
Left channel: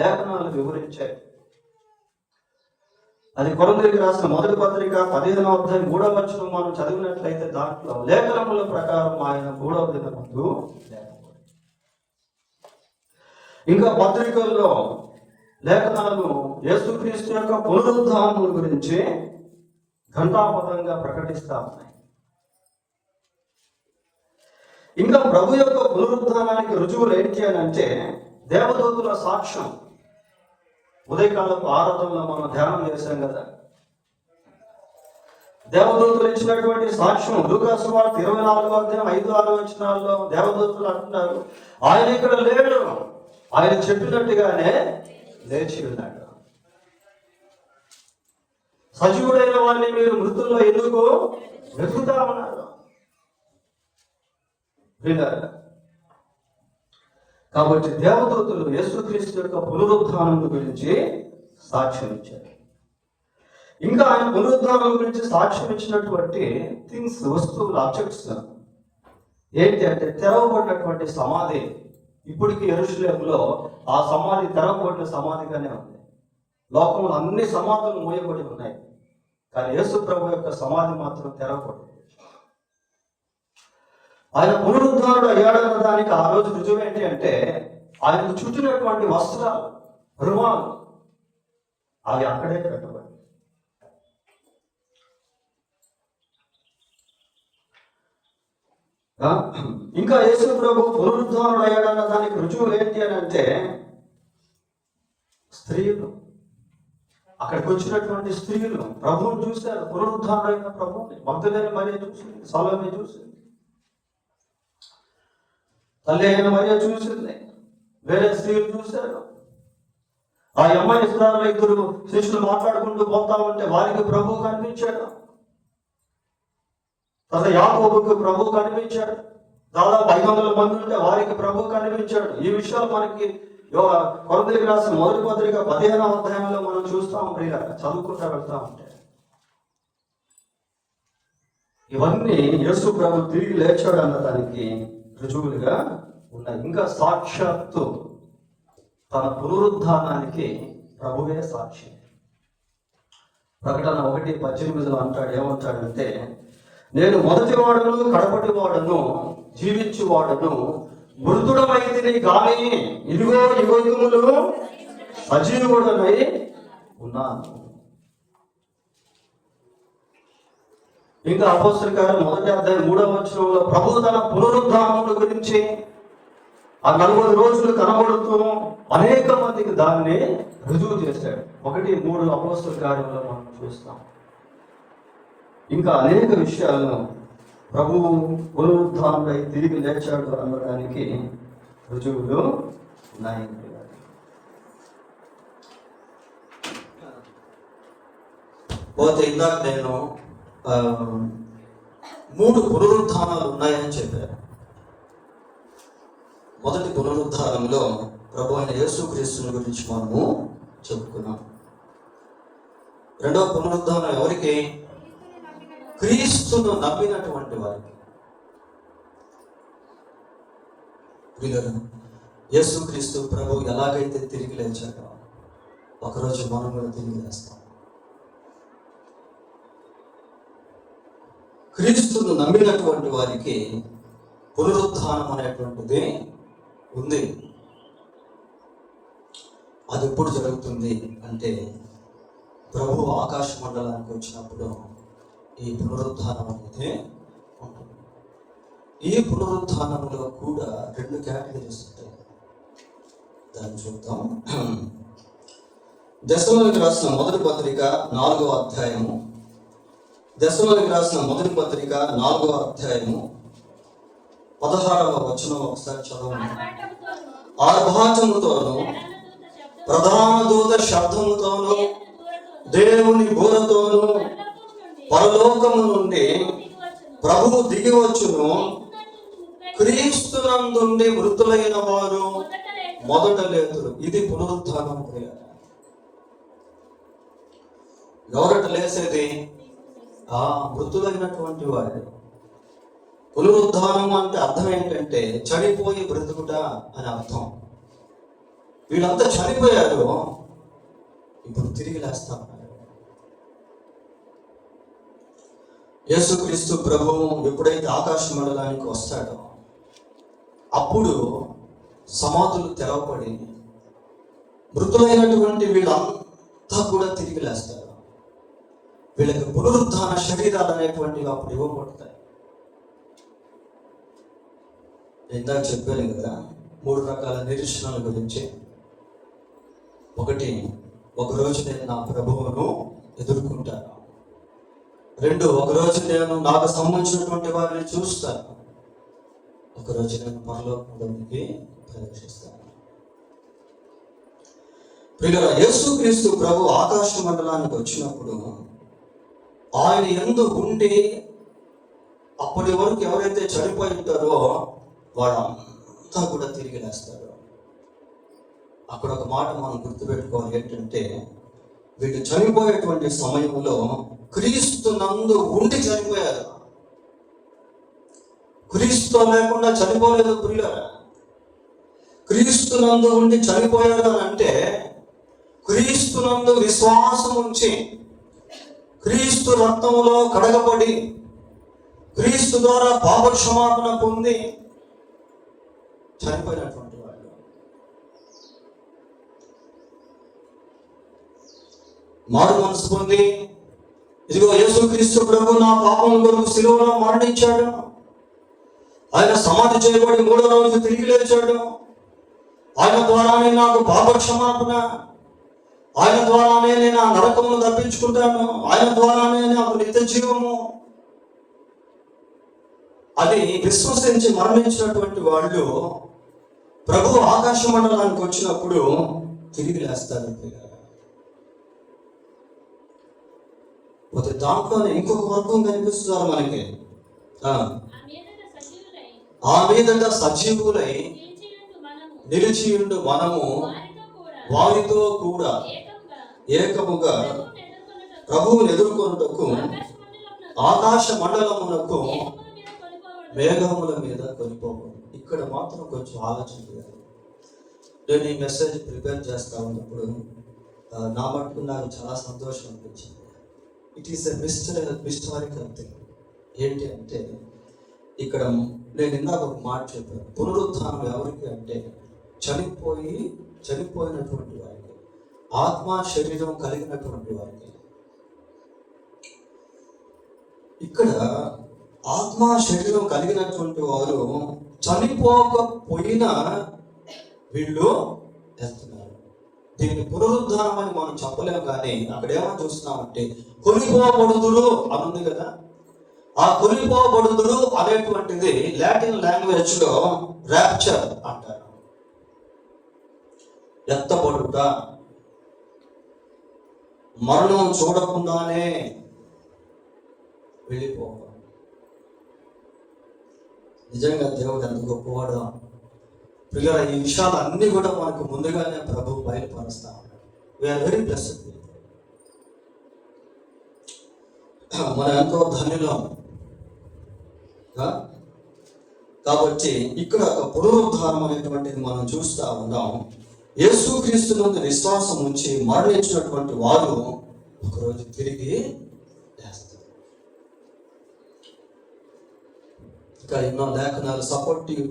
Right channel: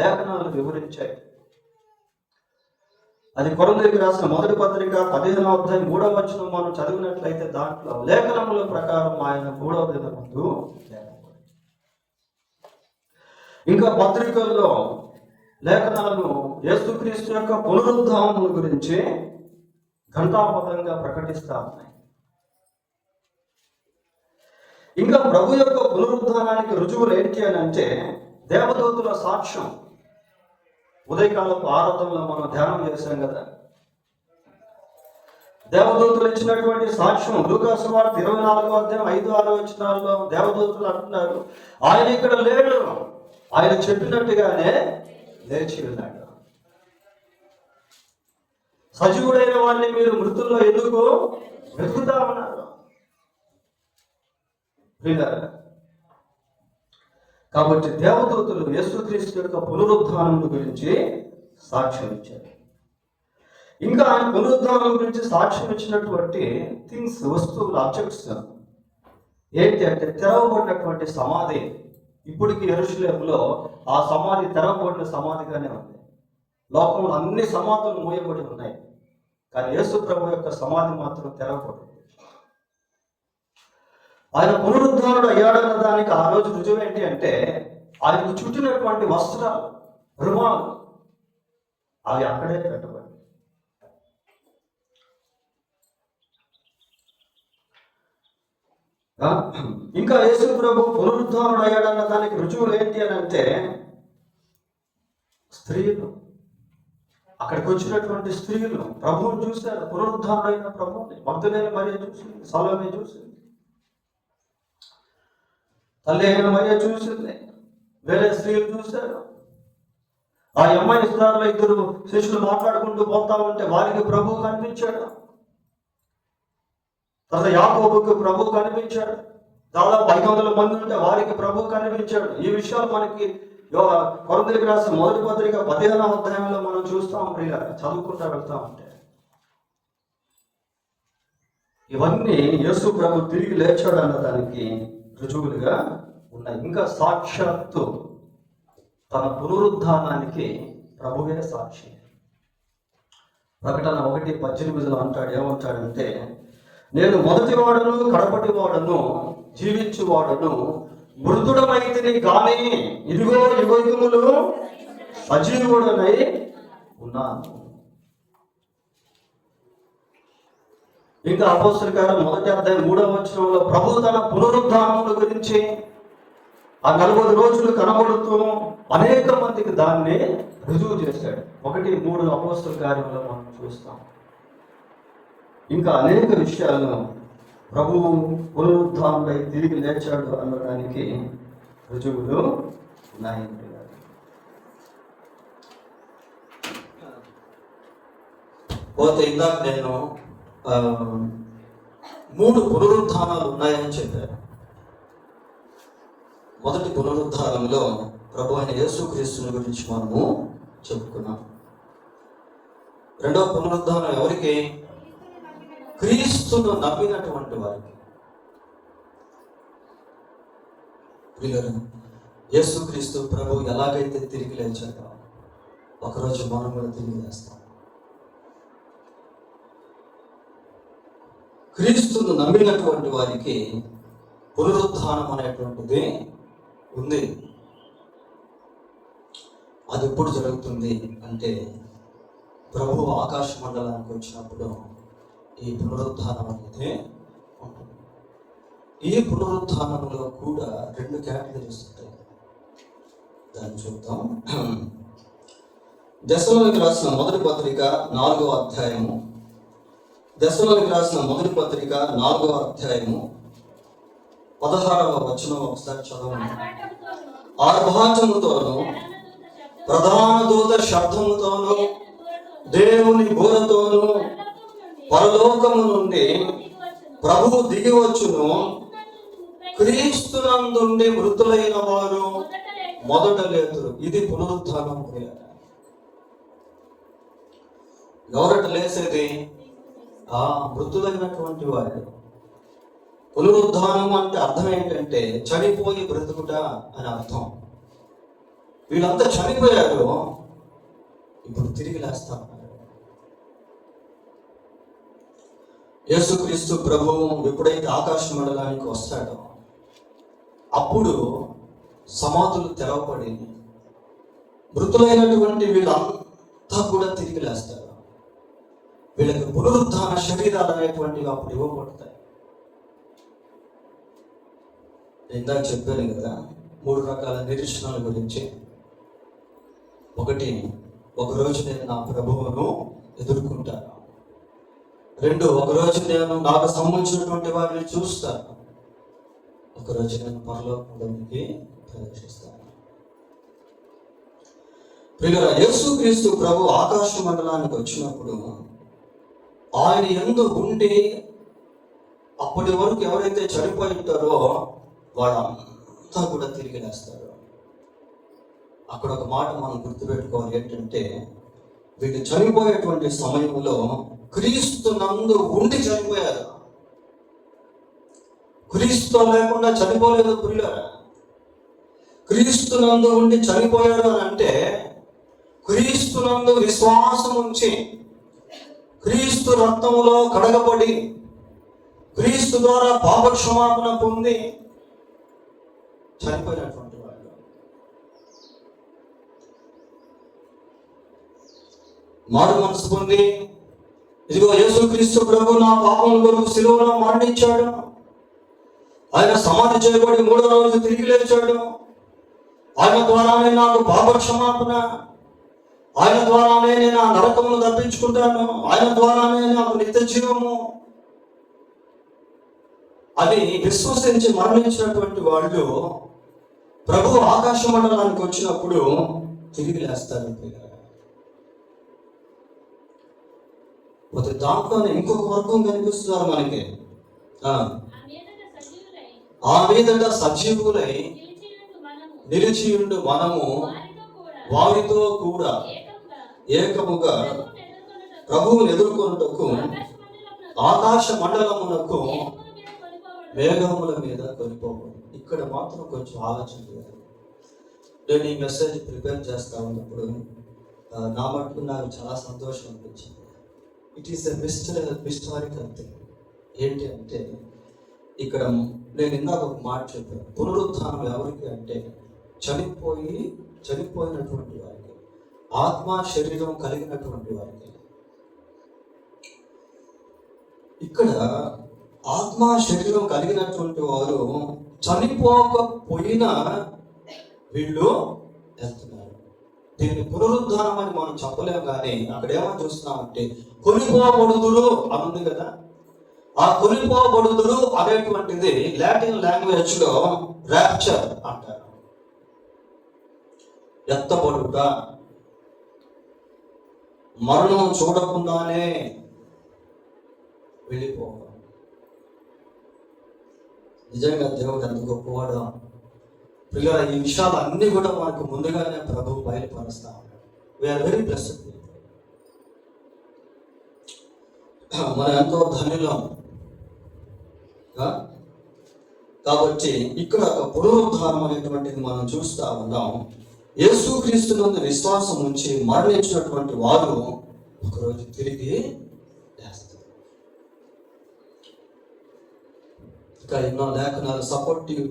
లేఖనాలు వివరించాయి. అది కొరింథీయులకు రాసిన 1వ పత్రిక 15వ అధ్యాయం 3వ వచనం మనం చదివినట్లయితే దాంట్లో లేఖనముల ప్రకారం ఆయన 3వ దినమందు లేపబడ్డాడు. ఇంకా పత్రికల్లో లేఖనాలు యేసుక్రీస్తు యొక్క పునరుద్ధానం గురించి ఘంటాపథంగా ప్రకటిస్తా ఉన్నాయి. ఇంకా ప్రభు యొక్క పునరుద్ధానానికి రుజువులు ఏంటి అని అంటే దేవదూతుల సాక్ష్యం. ఉదయకాలపు ఆరాధనలో మనం ధ్యానం చేశాం కదా, దేవదూతులు ఇచ్చినటువంటి సాక్ష్యం. లూకా సువార్త 24:5-6 దేవదూతులు అంటున్నారు, ఆయన ఇక్కడ లేడు, ఆయన చెప్పినట్టుగానే లేచి ఉన్నాడు. సజీవుడైన వాడిని మీరు మృతుల్లో ఎందుకు వెతుకుతా ఉన్నారు? కాబట్టి దేవదూతులు యేసుక్రీస్తు యొక్క పునరుద్ధానం గురించి సాక్ష్యం ఇచ్చారు. ఇంకా ఆయన పునరుద్ధానం గురించి సాక్ష్యం ఇచ్చినటువంటి థింగ్స్, వస్తువులు, ఆబ్జెక్ట్స్ ఏంటి అంటే తెరవబడినటువంటి సమాధి. ఇప్పటికీ యెరూషలేములో ఆ సమాధి తెరవబడిన సమాధిగానే ఉంది. లోకంలో అన్ని సమాధులు మూయబడి ఉన్నాయి, కానీ యేసు ప్రభు యొక్క సమాధి మాత్రం తెరవబడింది. ఆయన పునరుద్ధారుడు అయ్యాడన్న దానికి ఆ రోజు రుజువు ఏంటి అంటే ఆయనకు చుట్టినటువంటి వస్త్రాలు, రుమాలు అవి అక్కడే పెట్టబడి. ఇంకా యేసు ప్రభు పునరుద్ధారుడు అయ్యాడన్న దానికి రుజువులు ఏంటి అని అంటే స్త్రీలు, అక్కడికి వచ్చినటువంటి స్త్రీలు ప్రభువుని చూశారు. పునరుద్ధారుడైన ప్రభువుని మగ్దలేని మరియ చూసింది, సలోమే చూసింది, తల్లి అయిన మరియ చూసింది, వేరే స్త్రీలు చూశారు. ఆ అమ్మాయి ఇస్తున్నారు, ఇద్దరు శిష్యులు మాట్లాడుకుంటూ పోతా ఉంటే వారికి ప్రభువు కనిపించాడు. తర్వాత యాకోబుకు ప్రభువు కనిపించాడు. దాదాపు 500 మంది ఉంటే వారికి ప్రభువు కనిపించాడు. ఈ విషయాలు మనకి కొరింథీయులకు రాసిన మొదటి పత్రిక 15వ అధ్యాయంలో మనం చూస్తాం. ప్రియ చదువుకుంటా వెళ్తా ఉంటే ఇవన్నీ యేసు ప్రభు తిరిగి లేచాడు అన్నదానికి రుజువులుగా ఉన్నాయి. ఇంకా సాక్షాత్తు తన పునరుద్ధానానికి ప్రభువే సాక్షి. ప్రకటన 1:18 అంటాడు, ఏమంటాడంటే నేను మొదటి వాడను కడపటి వాడను జీవించు వాడను మృతుడమైతిని గాని ఇదిగో యుగయుగములు సజీవుడనై ఉన్నాను. ఇంకా అపోస్తలుల కార్యం 1:3 ప్రభు తన పునరుద్ధానముల గురించి ఆ 40 రోజులు కనబడుతూ అనేక మందికి దాన్ని రుజువు చేశాడు. 1:3 అపోస్తలుల కార్యంలో మనం చూస్తాం. ఇంకా అనేక విషయాలను ప్రభువు పునరుద్ధానుడై తిరిగి లేచాడు అనడానికి రుజువులు ఉన్నాయి. పోతే ఇందాక నేను 3 పునరుద్ధానాలు ఉన్నాయని చెప్పాను. మొదటి పునరుద్ధానంలో ప్రభు అయిన యేసుక్రీస్తుని గురించి మనము చెప్పుకున్నాం. రెండవ పునరుద్ధానం ఎవరికి? క్రీస్తును నమ్మినటువంటి వారికి. వీళ్ళు యేసుక్రీస్తు ప్రభు ఎలాగైతే తిరిగి లేచాడో ఒకరోజు మనం కూడా తిరిగి లేస్తాం. క్రీస్తును నమ్మినటువంటి వారికి పునరుద్ధానం అనేటువంటిది ఉంది. అది ఎప్పుడు జరుగుతుంది అంటే ప్రభు ఆకాశ మండలానికి వచ్చినప్పుడు ఈ పునరుద్ధానం అనేది ఉంటుంది. ఈ పునరుద్ధానంలో కూడా 2 కేటగిరీస్ ఉంటాయి. దాన్ని చూద్దాం. దశలోనికి రాసిన మొదటి పత్రిక 4వ అధ్యాయము. దశలోనికి రాసిన మొదటి పత్రిక 4వ అధ్యాయము 16వ వచనం ఒకసారి చదవండి. ఆర్భాటముతోనూ ప్రధాన దూత శబ్దముతోనూ దేవుని బోరతోనూ పరలోకము నుండి ప్రభువు దిగి వచ్చును. క్రీస్తునందుండి మృతులైన వారు మొదట లేతురు. ఇది పునరుద్ధానం. ఎవరట లేసేది? ఆ మృతులైనటువంటి వారు. పునరుద్ధానం అంటే అర్థం ఏంటంటే చనిపోయి బ్రతుకుట అని అర్థం. వీళ్ళంతా చనిపోయారు, ఇప్పుడు తిరిగి లేస్తాం. యేసుక్రీస్తు ప్రభువు ఎప్పుడైతే ఆకాశ మండలానికి వస్తాడో అప్పుడు సమాధులు తెరవబడి మృతులైనటువంటి వీళ్ళంతా కూడా తిరిగి లేస్తారు. వీళ్ళకి పునరుద్ధాన శరీరాలు అనేటువంటివి అప్పుడు ఇవ్వబడతాయి. ఇందాక చెప్పాను కదా 3 రకాల నిరీక్షణల గురించి. ఒకటి, ఒకరోజు నేను నా ప్రభువును ఎదుర్కొంటాను. 2, ఒకరోజు నేను నాకు సంబంధించినటువంటి వారిని చూస్తాను. ఒకరోజు నేను పరలోకంలోనికి ప్రవేశిస్తాను. ప్రియులారా, యేసుక్రీస్తు ప్రభు ఆకాశ మండలానికి వచ్చినప్పుడు ఆయన యందు ఉండి అప్పటి వరకు ఎవరైతే చనిపోయి ఉంటారో వాళ్ళంతా కూడా తిరిగి లేస్తారు. అక్కడ ఒక మాట మనం గుర్తుపెట్టుకోవాలి, ఏంటంటే వీళ్ళు చనిపోయేటువంటి సమయంలో క్రీస్తు నందు ఉండి చనిపోయారు. క్రీస్తు లేకుండా చనిపోలేదు ప్రియులారా. క్రీస్తు నందు ఉండి చనిపోయారు అని అంటే క్రీస్తు నందు విశ్వాసం ఉంచి క్రీస్తు రక్తములో కడగబడి క్రీస్తు ద్వారా పాప క్షమాపణ పొంది చనిపోయినటువంటి వాళ్ళు. మారు మనసు పొంది, ఇదిగో యేసుక్రీస్తు ప్రభు నా పాపముల కొరకు సిలువలో మరణించాడు, ఆయన సమాధి చేయబడి 3వ రోజు తిరిగి లేచాడు, ఆయన ద్వారానే నాకు పాప క్షమాపణ, ఆయన ద్వారానే నేను ఆ నరకమును తప్పించుకుంటాను, ఆయన ద్వారానే నాకు నిత్య జీవము అని విశ్వసించి మరణించినటువంటి వాళ్ళు ప్రభు ఆకాశ మండలానికి వచ్చినప్పుడు తిరిగి లేస్తారు. దాంట్లోనే ఇంకొక వర్గం కనిపిస్తున్నారు మనకి. ఆ మీదట సజీవులై నిలిచియుండు మనము వారితో కూడా ఏకముగా ప్రభువుని ఎదుర్కొనుటకు ఆకాశ మండలమునకు మేఘముల మీద కొనిపోవాలి. ఇక్కడ మాత్రం కొంచెం ఆలోచన చేయాలి. నేను ఈ మెసేజ్ ప్రిపేర్ చేస్తా ఉన్నప్పుడు నా మటుకు నాకు చాలా సంతోషం అనిపించింది. It is a mysterical thing. ఏంటి అంటే ఇక్కడ నేను ఇందాక ఒక మాట చెప్పాను, పునరుత్థానం ఎవరికి అంటే చనిపోయినటువంటి వారికి, ఆత్మ శరీరం కలిగినటువంటి వారికి. ఇక్కడ ఆత్మ శరీరం కలిగినటువంటి వారు చనిపోకపోయినా వీళ్ళు వెళ్తున్నారు. దీన్ని పునరుద్ధానం అని మనం చెప్పలేము, కానీ అక్కడ ఏమని చూస్తామంటే కొనిపోబడుదురు అనుంది కదా. ఆ కొనిపోబడుదురు అనేటువంటిది లాటిన్ లాంగ్వేజ్ లో ర్యాప్చర్ అంటారు. ఎత్తబడుట, మరణం చూడకుండానే వెళ్ళిపోవడం. నిజంగా దేవుడు ఎంత గొప్పవాడు. పిల్లల ఈ విషయాలు అన్ని కూడా మనకు ముందుగానే ప్రభు బయలుపరుస్తా ఉన్నాడు. We are very blessed. మనం ఎంతో ధన్యులం. కాబట్టి ఇక్కడ ఒక పునరుద్ధానం అనేటువంటిది మనం చూస్తా ఉన్నాం. యేసుక్రీస్తు నందు విశ్వాసం ఉంచి మరణించినటువంటి వారు ఒకరోజు తిరిగి లేస్తారు. ఇంకా ఎన్నో లేఖనాలు సపోర్టివ్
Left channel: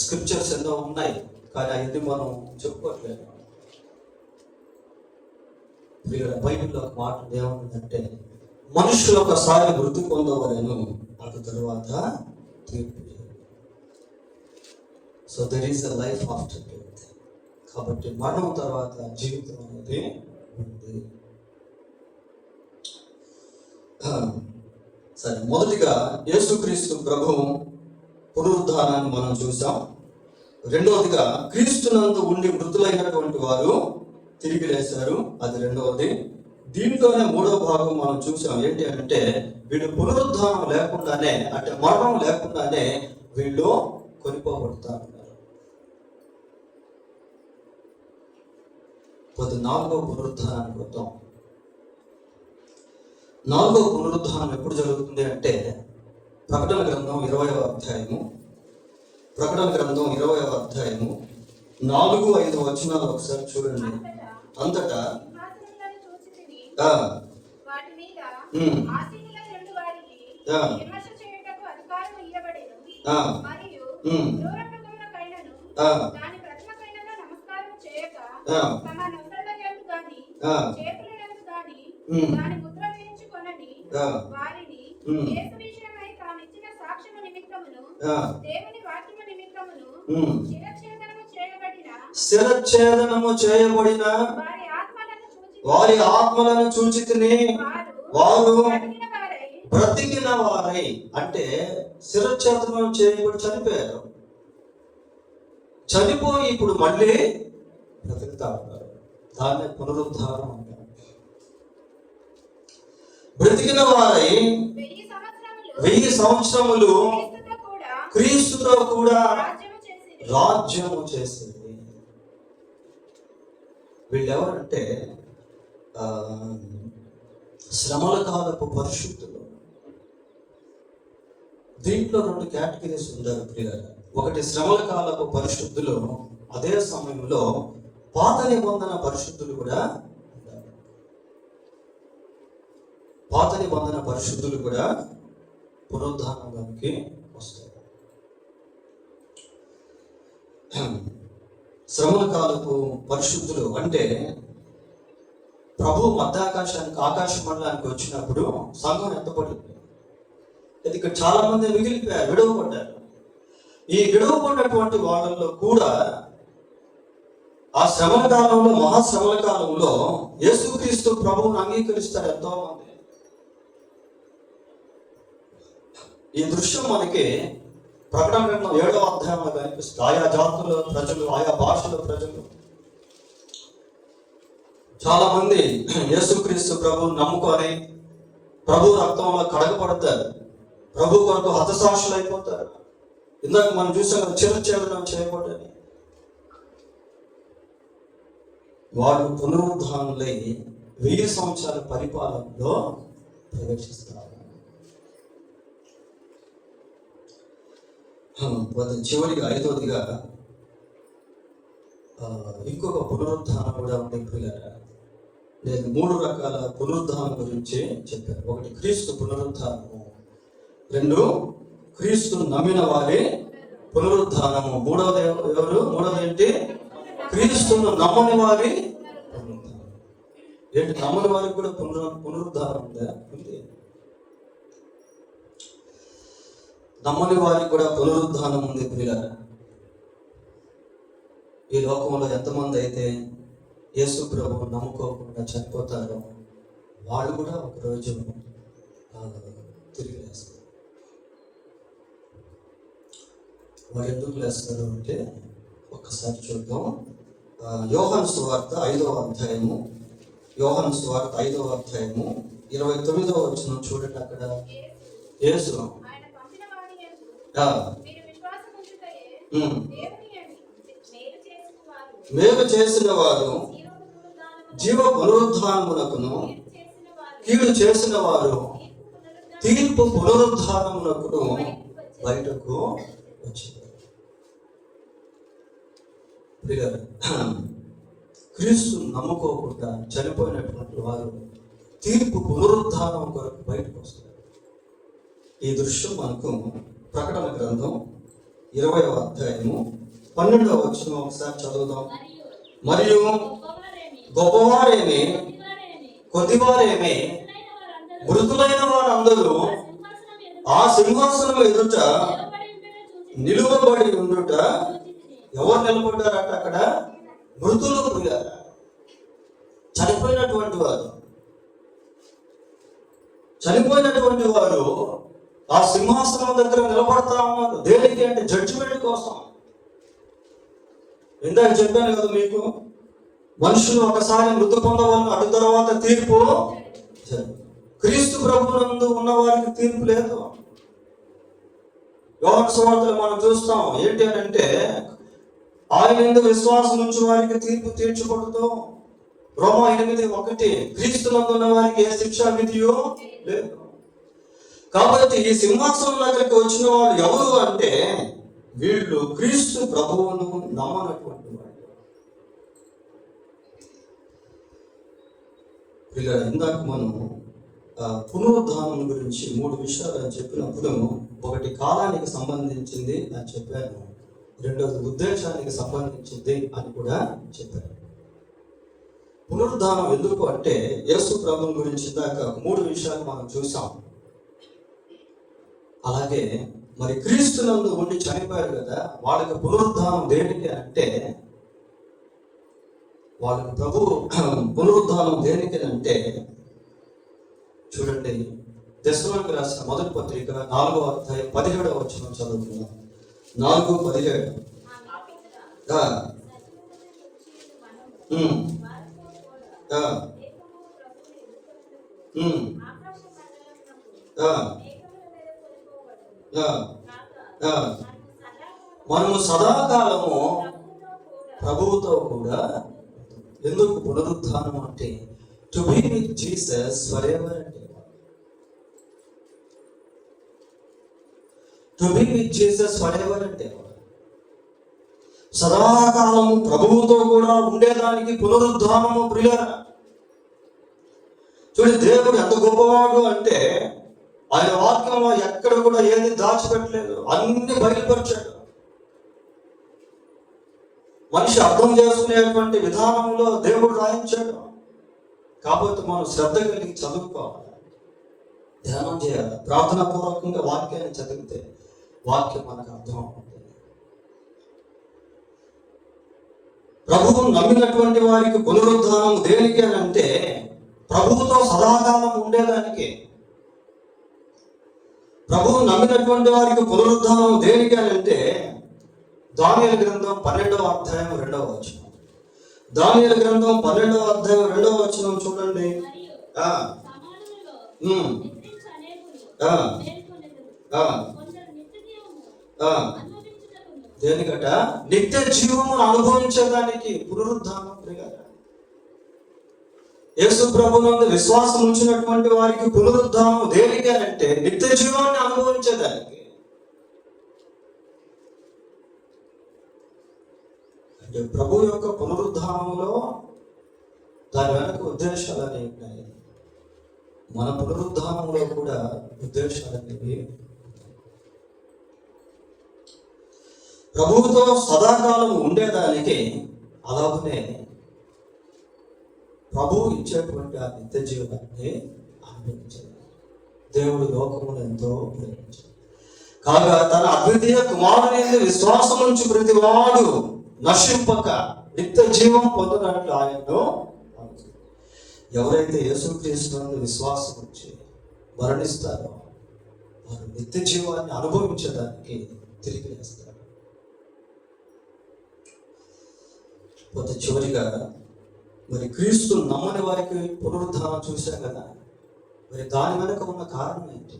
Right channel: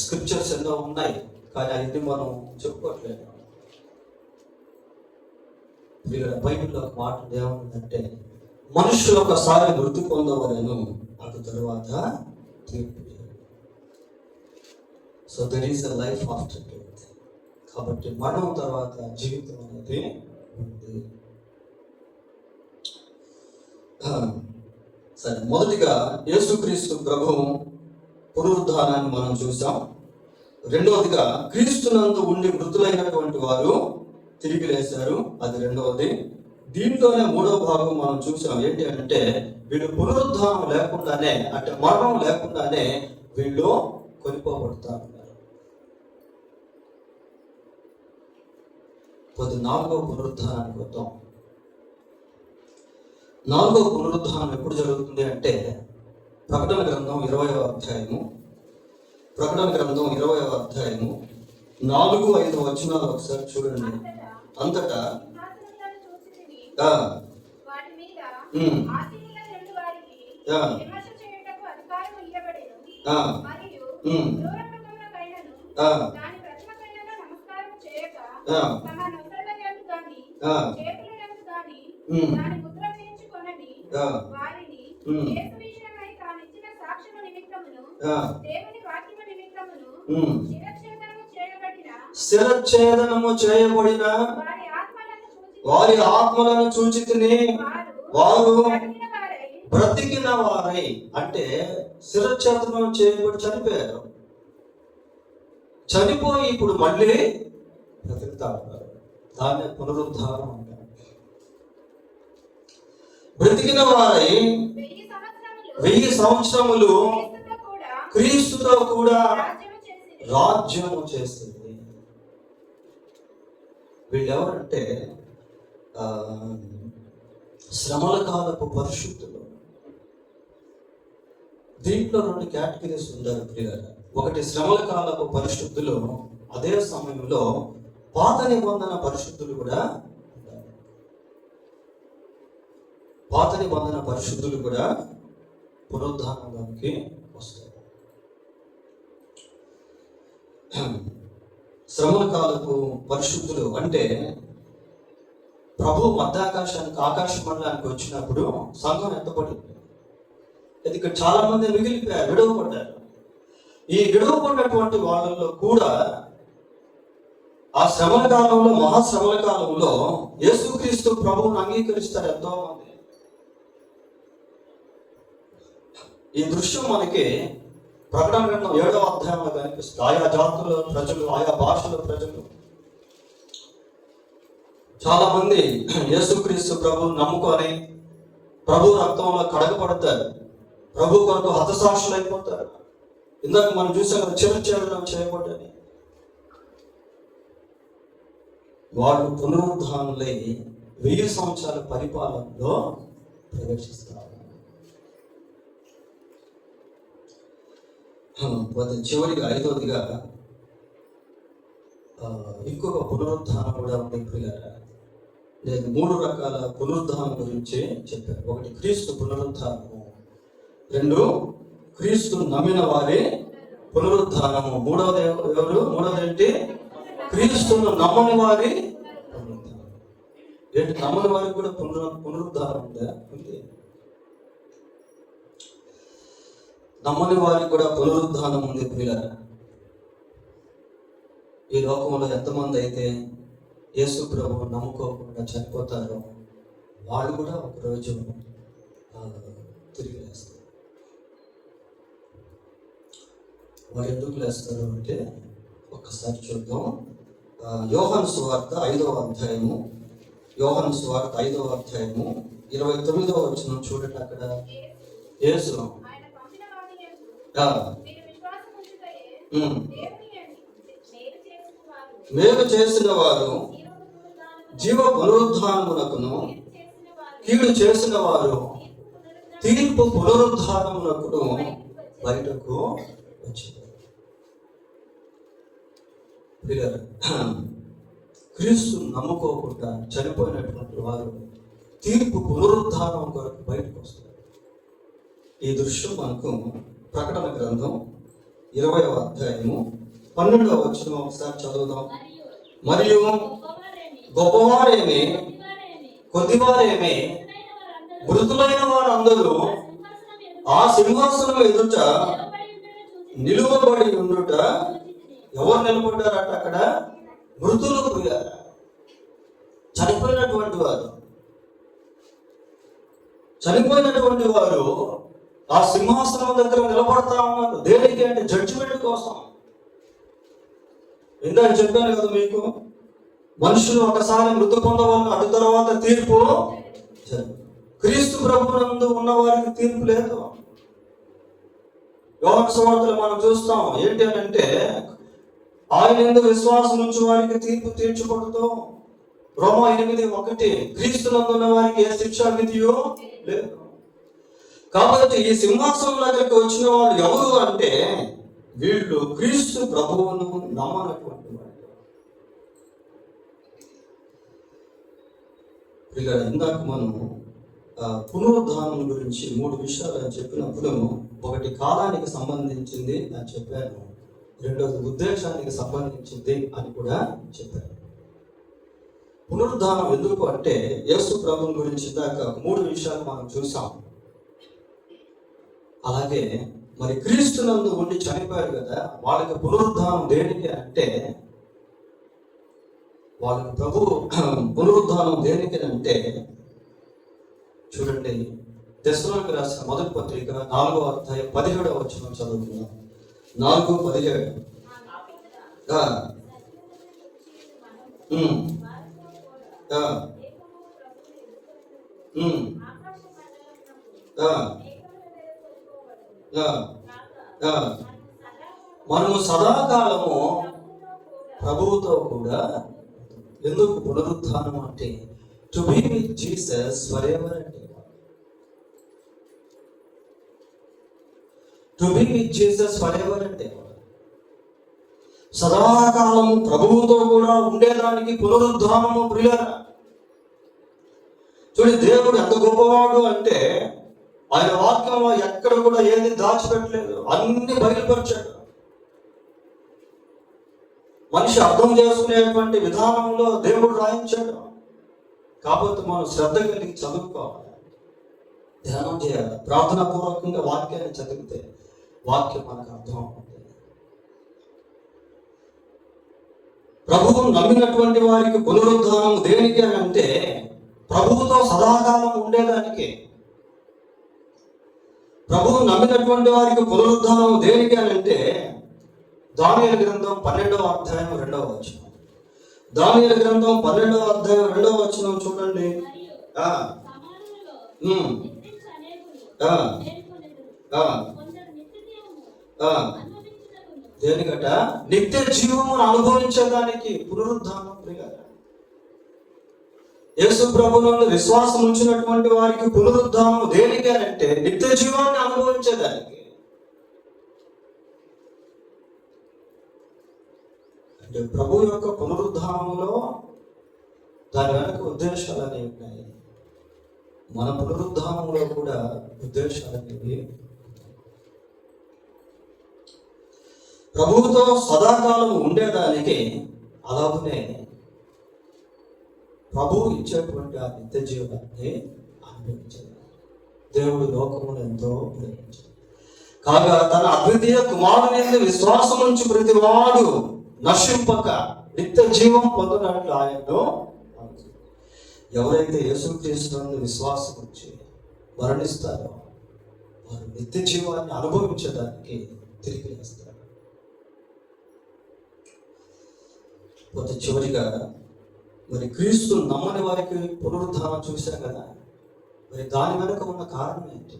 స్క్రిప్చర్స్ ఎన్నో ఉన్నాయి, కానీ అవన్నీ మనం చెప్పుకోవట్లేదు. బైబిల్లో ఒక మాట ఏమంటుందంటే మనుషులు ఒకసారి మృతి పొందవలను, అటు తరువాత తీర్పు. So there is a life after death. కాబట్టి మరణం తర్వాత జీవితం అనేది ఉంది. సరే, మొదటిగా యేసుక్రీస్తు ప్రభు పునరుద్ధానాన్ని మనం చూసాం. రెండవదిగా క్రీస్తునందు ఉండి మృతులైనటువంటి వారు తిరిగి లేశారు, అది రెండవది. దీంట్లోనే మూడవ భాగం మనం చూసాం. ఏంటి అంటే వీళ్ళు పునరుద్ధానం లేకుండానే, అంటే మరణం లేకుండానే వీళ్ళు కొనిపోబడతారు. నాలుగో పునరుద్ధానానికి వద్దాం. నాలుగో పునరుద్ధానం ఎప్పుడు జరుగుతుంది అంటే ప్రకటన గ్రంథం 20వ అధ్యాయము. ప్రకటన గ్రంథం 20వ అధ్యాయము 4-5 వచనాలు ఒకసారి చూడండి. అంతటా దేవుని వాక్యము నిమిత్తము శిరఛేదనము చేయబడిన వారి ఆత్మలను చూచితిని వారు బ్రతికిన వారై. అంటే శిరఛేదనం చేయబడి చనిపోయారు, చనిపోయి ఇప్పుడు మళ్ళీ బ్రతుకుతా ఉన్నారు. దాన్ని పునరుద్ధానం అంటారు. బ్రతికిన వారై 1000 సంవత్సరములు క్రీస్తుతో కూడా రాజ్యము చేసింది. వీళ్ళు ఎవరంటే శ్రమల కాలపు పరిశుద్ధులు. దీంట్లో 2 కేటగిరీస్ ఉంటారు ప్రియులారా. ఒకటి శ్రమల కాలపు పరిశుద్ధులు, అదే సమయంలో పాత నిబంధన పరిశుద్ధులు కూడా ఉంటారు. పాత నిబంధన పరిశుద్ధులు కూడా పునరుద్ధానంలోకి వస్తారు. శ్రమల కాలపు పరిశుద్ధులు అంటే ప్రభు మధ్యాకాశానికి ఆకాశ మండలానికి వచ్చినప్పుడు సంఘం ఎత్తపడింది. ఇక్కడ చాలా మంది మిగిలిపోయారు, విడవపడ్డారు. ఈ విడవపడినటువంటి వాళ్ళల్లో కూడా ఆ శ్రమల కాలంలో, మహాశ్రమల కాలంలో యేసుక్రీస్తు ప్రభువును అంగీకరిస్తారు ఎంతో మంది. ఈ దృశ్యం మనకి ప్రకటన గ్రంథం 7వ అధ్యాయంలో కనిపిస్తుంది. ఆయా జాతుల ప్రజలు, ఆయా భాషల ప్రజలు చాలా మంది యేసుక్రీస్తు ప్రభువును నమ్ముకొని ప్రభు రక్తంలో కడగబడతారు, ప్రభు కొరకు హతసాక్షులు అయిపోతారు. ఇందాక మనం చూసాం చిరఛేదనం చేయకూడదని. వారు పునరుద్ధానులై 1000 సంవత్సరాల పరిపాలనలో ప్రవేశిస్తారు. చివరిగా 5వదిగా ఇంకొక పునరుద్ధానం కూడా ఉంది పిల్లరా. నేను 3 రకాల పునరుద్ధానం గురించి చెప్పాను. ఒకటి క్రీస్తు పునరుద్ధానము, 2 క్రీస్తు నమ్మిన వారి పునరుద్ధానము, మూడవది ఏంటి? క్రీస్తును నమ్మని వారి పునరుద్ధానం. ఏంటి, నమ్మని వారికి కూడా పునరుద్ధానం ఉందా? ఉంది. నమ్మని వారికి కూడా పునరుద్ధానం ఉంది పిల్లరా. ఈ లోకంలో ఎంతమంది అయితే యేసు ప్రభువు నమ్ముకోకుండా చనిపోతారో వాళ్ళు కూడా ఒకరోజు తిరిగి లేస్తారు. వారు ఎందుకు లేస్తారు అంటే ఒక్కసారి చూద్దాం. యోహాను సువార్త 5వ అధ్యాయము, యోహాను సువార్త 5వ అధ్యాయము 29వ వచనం చూడండి. అక్కడ యేసు మేలు చేసిన వారు జీవ పునరుద్ధానమునకును, కీడు చేసిన వారు తీర్పు పునరుద్ధానమునకును బయటకు వచ్చింది. క్రీస్తు నమ్ముకోకుండా చనిపోయినటువంటి వారు తీర్పు పునరుద్ధానం కొరకు బయటకు వస్తారు. ఈ దృశ్యం మనకు ప్రకటన గ్రంథం 20వ అధ్యాయము 12వ వచనం ఒకసారి చదువుదాం. మరియు గొప్పవారేమి కొద్దివారేమి మృతులైన వారందరూ ఆ సింహాసనం ఎదుట నిలువబడి ఉండుట. ఎవరు నిలబడ్డారట అక్కడ? మృతులు, చనిపోయినటువంటి వారు. చనిపోయినటువంటి వారు ఆ సింహాసనం దగ్గర నిలబడతా ఉన్నారు. దేనికి అంటే జడ్జిమెంట్ కోసం. ఇందాక చెప్పాను కదా మీకు, మనుషులు ఒకసారి మృతి పొందవాళ్ళు, అటు తర్వాత తీర్పు. క్రీస్తు ప్రభునందు ఉన్న వారికి తీర్పు లేదు. యోహాను సువార్తలో మనం చూస్తాం ఏంటి అని అంటే, ఆయన యందు విశ్వాసం ఉంచు వారికి తీర్పు తీర్చకూడదు. రోమా 8:1 క్రీస్తునందు ఉన్న వారికి ఏ శిక్షా విధియో లేదు. కాబట్టి ఈ సింహాసనం దగ్గరికి వచ్చిన వాళ్ళు ఎవరు అంటే వీళ్ళు క్రీస్తు ప్రభువును నమ్మనటువంటి వాళ్ళు. ఇలా ఇందాక మనం పునరుద్ధానం గురించి 3 విషయాలు చెప్పినప్పుడు, ఒకటి కాలానికి సంబంధించింది అని చెప్పాను, రెండోది ఉద్దేశానికి సంబంధించింది అని కూడా చెప్పాను. పునరుద్ధానం ఎందుకు అంటే యేసు ప్రభువు గురించి ఇందాక 3 విషయాలు మనం చూసాం. అలాగే మరి క్రీస్తునందు ఉండి చనిపోయారు కదా, వాళ్ళకి పునరుద్ధానం దేనికి అంటే, వాళ్ళకి ప్రభు పునరుద్ధానం దేనికి అంటే, చూడండి దశలోనికి రాసిన మొదటి పత్రిక 4వ అధ్యాయం 17వ వచనం చదువుతున్నాం. 4:17. మనము సదాకాలము ప్రభువుతో కూడా, ఎందుకు పునరుద్ధానం అంటే to be with Jesus forever అంటే, to be with Jesus forever అంటే సదాకాలం ప్రభువుతో కూడా ఉండేదానికి పునరుద్ధానము ప్రియులారా. చూడండి, దేవుడు ఎంత గొప్పవాడు అంటే ఆయన వాక్యంలో ఎక్కడ కూడా ఏది దాచిపెట్టలేదు, అన్ని బయలుపరిచాడు. మనిషి అర్థం చేసుకునేటువంటి విధానంలో దేవుడు రాయించాడు. కాబట్టి మనం శ్రద్ధ కలిగి చదువుకోవాలి, ధ్యానం చేయాలి. ప్రార్థనా పూర్వకంగా వాక్యాన్ని చదివితే వాక్యం మనకు అర్థం అవుతుంది. ప్రభువు నమ్మినటువంటి వారికి పునరుద్ధానం దేనికి అని అంటే, ప్రభువుతో సదాకాలం ఉండేదానికి. ప్రభువు నమ్మినటువంటి వారికి పునరుద్ధానం దేనికి అని అంటే, దానియేలు గ్రంథం 12వ అధ్యాయం 2వ వచనం. దానియేలు గ్రంథం 12వ అధ్యాయం 2వ వచనం చూడండి. దేనికట? నిత్య జీవమును అనుభవించడానికి పునరుద్ధానం. యేసు ప్రభువునందు విశ్వాసం ఉంచినటువంటి వారికి పునరుద్ధానం దేనికి అంటే నిత్య జీవాన్ని అనుభవించేదానికి. అంటే ప్రభు యొక్క పునరుద్ధానంలో దాని వెనక ఉద్దేశాలు అనేవి ఉన్నాయి. మన పునరుద్ధానంలో కూడా ఉద్దేశాలు అనేవి. ప్రభువుతో సదాకాలం ఉండేదానికి, అలాగనే ప్రభువు ఇచ్చేటువంటి ఆ నిత్య జీవనాన్ని అనుభవించాలి. దేవుడు లోకమును ఎంతో ప్రేమించాడు కాగా తన అద్వితీయ కుమారుని విశ్వాసం నుంచి ప్రతి వాడు నశింపక నిత్య జీవం పొందడానికి ఆయనను, ఎవరైతే యేసుక్రీస్తునందు విశ్వాసం ఉంచి మరణిస్తారో వారు నిత్య జీవాన్ని అనుభవించడానికి తిరిగి వేస్తారు. పోతే చివరిగా మరి క్రీస్తు నమ్మని వారికి పునరుద్ధానం చూశాం కదా, మరి దాని వెనుక ఉన్న కారణం ఏంటి,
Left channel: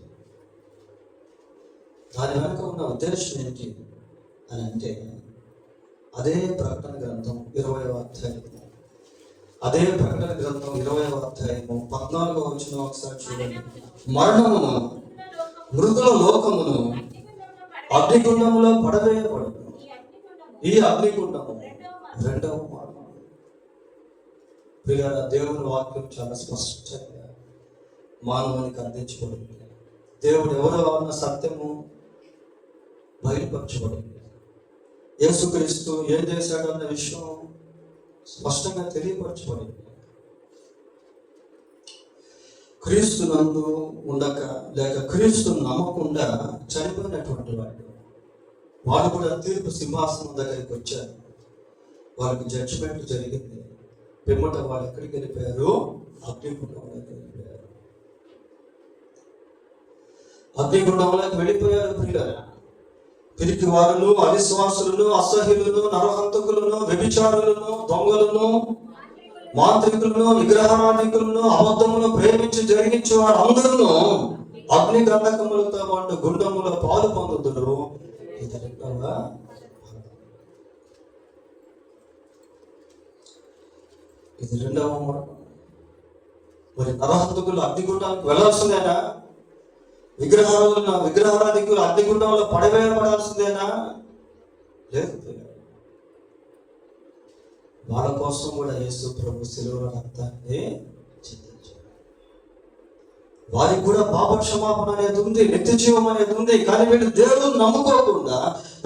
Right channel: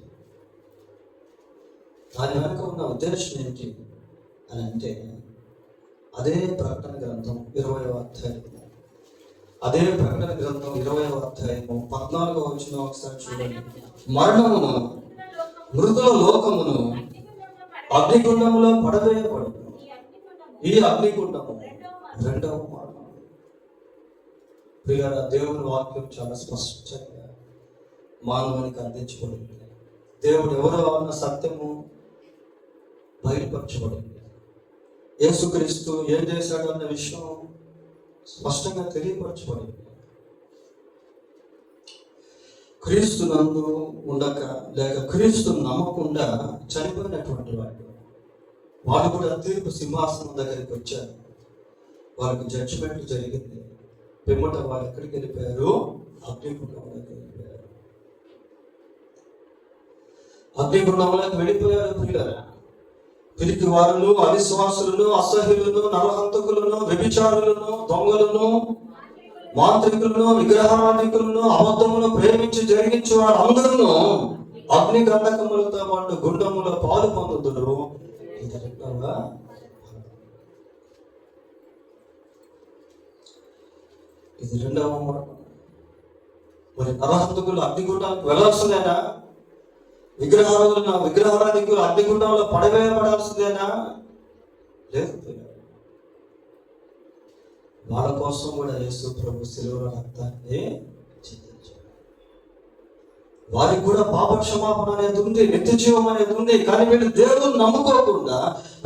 దాని వెనుక ఉన్న ఉద్దేశం ఏంటి అని అంటే, అదే ప్రకటన గ్రంథం 20వ అధ్యాయం, అదే ప్రకటన గ్రంథం 20వ అధ్యాయము 14వ వచనం ఒకసారి చూడండి. మరణము మృతుల లోకమును అగ్నిగుండములో పడవేయబడు. ఈ అగ్నిగుండము రెండవ మరణం. దేవుని వాక్యం చాలా స్పష్టంగా మానవానికి అందించబడింది. దేవుడు ఎవరో అన్న సత్యము బయలుపరచబడింది. యేసుక్రీస్తు ఏం చేశాడు అన్న విషయం స్పష్టంగా తెలియపరచబడింది. క్రీస్తు నందు ఉండక లేక క్రీస్తు నమ్మకుండా చనిపోయినటువంటి వాడు కూడా తీర్పు సింహాసనం దగ్గరికి వచ్చారు. వాళ్ళకి జడ్జిమెంట్ జరిగింది. పిమ్మట వాళ్ళు ఎక్కడికి వెళ్ళిపోయారు? అగ్నిగుండంలోకి వెళ్ళిపోయారు. అగ్నిగుండంలోకి వెళ్ళిపోయారు ప్రియులారా. తిరిగి వారును, అవిశ్వాసులను, అసహ్యులను, నరహంతకులను, వ్యభిచారులను, దొంగలను, మాంత్రికులను, విగ్రహారాధికులను, అబద్ధములను ప్రేమించి జరిగించే వారందరూ అగ్ని గంధకములతో పాటు గుండముల పాలు పొందుతున్నారు. ఇది రెండవ మరణం. మరి నరహంతకులు అగ్నిగుండానికి వెళ్ళాల్సిందేనా? విగ్రహారాధికులు అగ్నిగుండంలో పడవేయబడాల్సిందేనా? లేదు. వాళ్ళ కోసం కూడా యేసు ప్రభు శిలువ రక్తాన్ని చిందించాడు. వారికి కూడా పాప క్షమాపణ అనేది ఉంది, నిత్య జీవం అనేది ఉంది. కానీ వీళ్ళు దేవుడు నమ్ముకోకుండా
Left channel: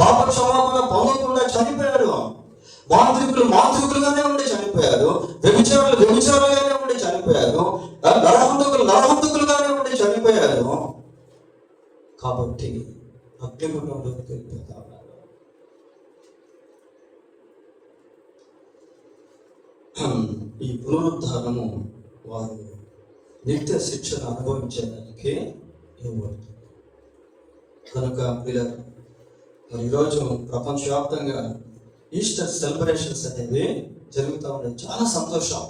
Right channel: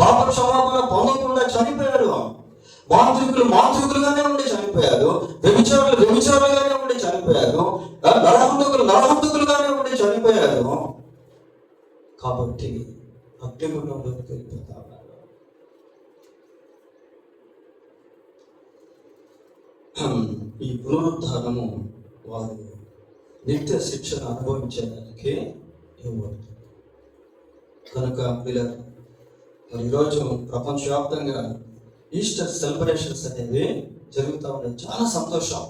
పాప క్షమాపణ పొందకుండా చనిపోయారు. మాంత్రికులుగానే ఉండి చనిపోయారు. వ్యభిచారులుగానే ఉండి చనిపోయారు. నరహంతకులుగానే ఉండి చనిపోయారు. కాబట్టి అగ్ని ఈ పునరుద్ధానము వారు నిత్య శిక్షను అనుభవించడానికి ఇవ్వబడుతుంది. కనుక మరి ఈరోజు ప్రపంచవ్యాప్తంగా ఈస్టర్ సెలబ్రేషన్స్ అనేవి జరుగుతూ ఉన్నాయి. చాలా సంతోషం.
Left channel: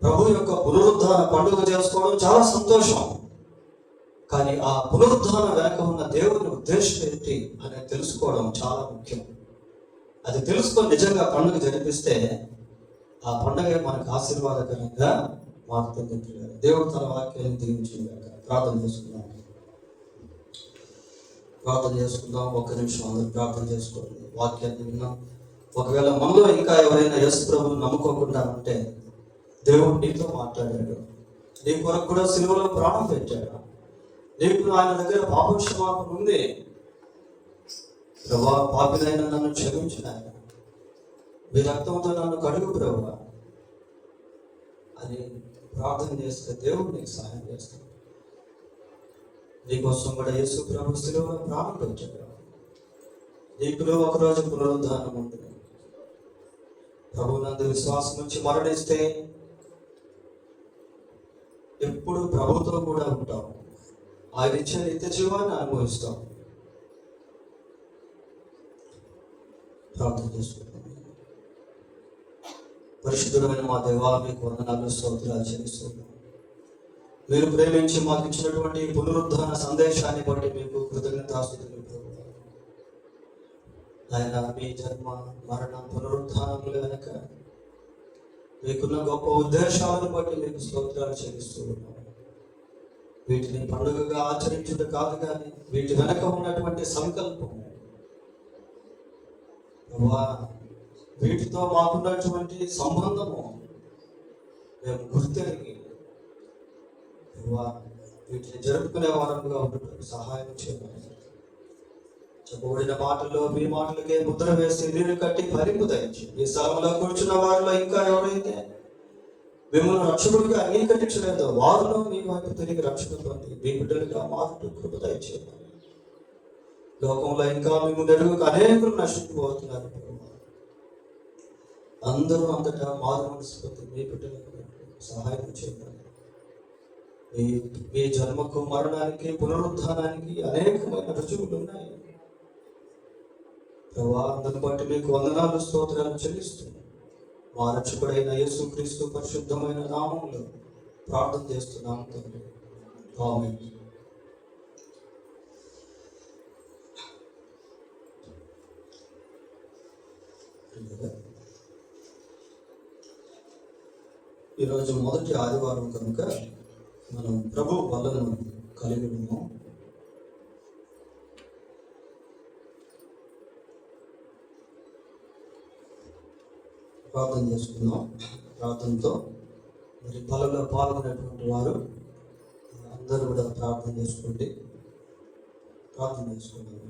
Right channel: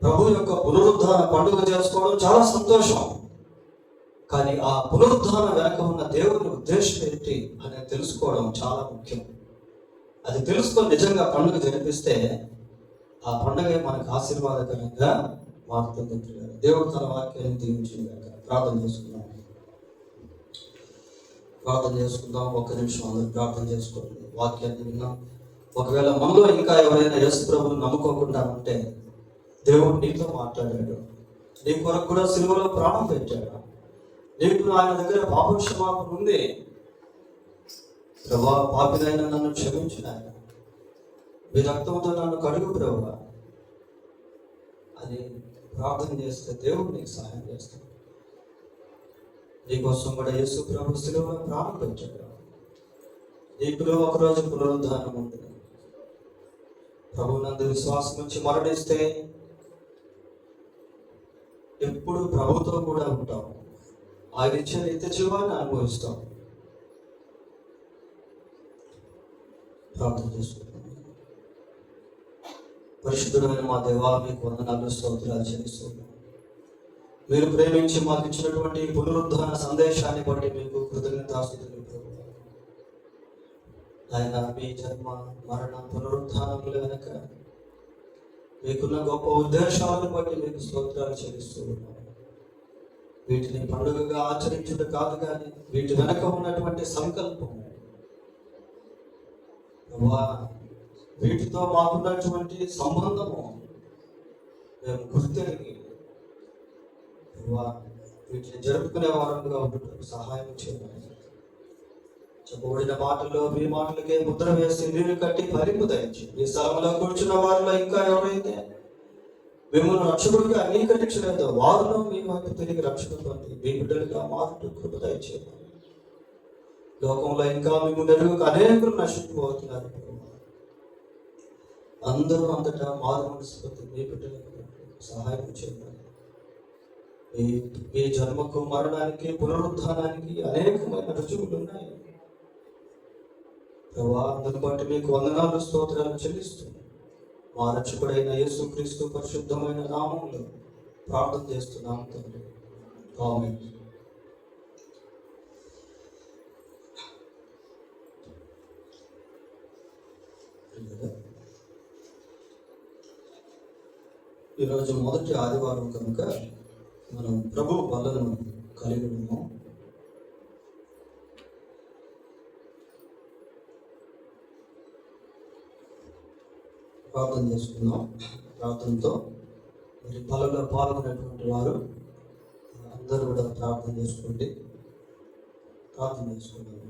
ప్రభు యొక్క పునరుద్ధాన పండుగ చేసుకోవడం చాలా సంతోషం. కానీ ఆ పునరుద్ధానం వెనక ఉన్న దేవుని ఉద్దేశం ఏంటి అనేది తెలుసుకోవడం చాలా ముఖ్యం. అది తెలుసుకొని నిజంగా పండుగ జరిపిస్తే ఆ పండుగ మనకు ఆశీర్వాదకరంగా మారుతుంది. దేవుడు తన వాక్యాన్ని దీవించిందాక ప్రార్థన చేసుకుందాం. ఒక్క నిమిషం అందరూ ప్రార్థన చేసుకోండి. వాక్యాన్ని విన్నాం. ఒకవేళ మనలో ఇంకా ఎవరైనా యేసు ప్రభువుని నమ్ముకోకుండా ఉంటే దేవుడు నీతో మాట్లాడాడు. నీ కొరకు కూడా సిలువలో ప్రాణం పెట్టాడు. నీకు ఆయన దగ్గర పాపం క్షమాపణ ఉంది. ప్రభా, పాపినైనా నన్ను క్షమించిన, మీ రక్తంతో నన్ను కడుగు ప్రభా అని ప్రార్థన చేస్తే దేవుడు నీకు సహాయం చేస్తాడు. నీకోసం కూడా యేసు ప్రభు సిలువలో ప్రాణం పెట్టాడు. నీకు ఒకరోజు పునరుద్ధానం ఉంటుంది. ప్రభువునందు విశ్వాసం వచ్చి మరణిస్తే ఎప్పుడు ప్రభుతో కూడా ఉంటాం. ఆయన ఇచ్చే నిత్య జీవాన్ని అనుభవిస్తాం. ప్రార్థన చేసుకుంటాం. పరిశుద్ధుడైన మా దేవా, మీకు వందనాలు, స్తోత్రాలు చెల్లిస్తున్నాం. మీరు ప్రేమించి మాకు ఇచ్చినటువంటి పునరుద్ధాన సందేశాన్ని బట్టి మీకు కృతజ్ఞతాస్తుతులు. ఆయన మీ జన్మ, మరణ, పునరుద్ధానముల వెనక మీకున్న గొప్ప ఉద్దేశాలను బట్టి మీకు స్తోత్రాలు చెల్లిస్తున్నాం. వీటిని పండుగగా ఆచరించడం కాదు, కానీ వీటి వెనక ఉన్నటువంటి సంకల్పం, వీటితో మాకున్నటువంటి సంబంధము మేము గుర్తెరిగి వీటిని జరుపుకునే వారంగా ఉండటం సహాయం చేయాలి. చెప్పబడిన మాటల్లో మీ మాటలకే ముద్ర వేసి నీరు కట్టి భరింపు దయచి ఈ స్థలంలో కూర్చున్న వారిలో ఇంకా ఎవరైతే మిమ్మల్ని రక్షకుడిగా అంగీకరించలేదో వారిలో మీ వైపు తిరిగి రక్షణ పొంది మీ బిడ్డలుగా మారుతూ కృప దయచేయాలి. లోకంలో ఇంకా మిమ్మల్ని ఎరుగక అనేకులు నశించిపోతున్నారు. అందరూ అంతటా మారు మనసు పొంది మీ బిడ్డలకు సహాయం చేయాలి. మీ జన్మకు, మరణానికి, పునరుద్ధానానికి అనేకమైన రుజువులు ఉన్నాయి. అందరిని బట్టి మీకు వందనాలు, స్తోత్రాలు చెల్లిస్తున్నాను. మా రక్షకుడైన యేసుక్రీస్తు పరిశుద్ధమైన నామంలో ప్రార్థన చేస్తున్నాము తండ్రి. ఆమేన్. ఈరోజు మొదటి ఆదివారం కనుక మనం ప్రభు వలన కలిగి ఉన్నాం. ప్రార్థన చేసుకుందాం. ప్రార్థనతో మరి బలలో పాల్గొనేటువంటి వారు అందరూ కూడా ప్రార్థన చేసుకోండి. ప్రార్థన చేసుకుందాం.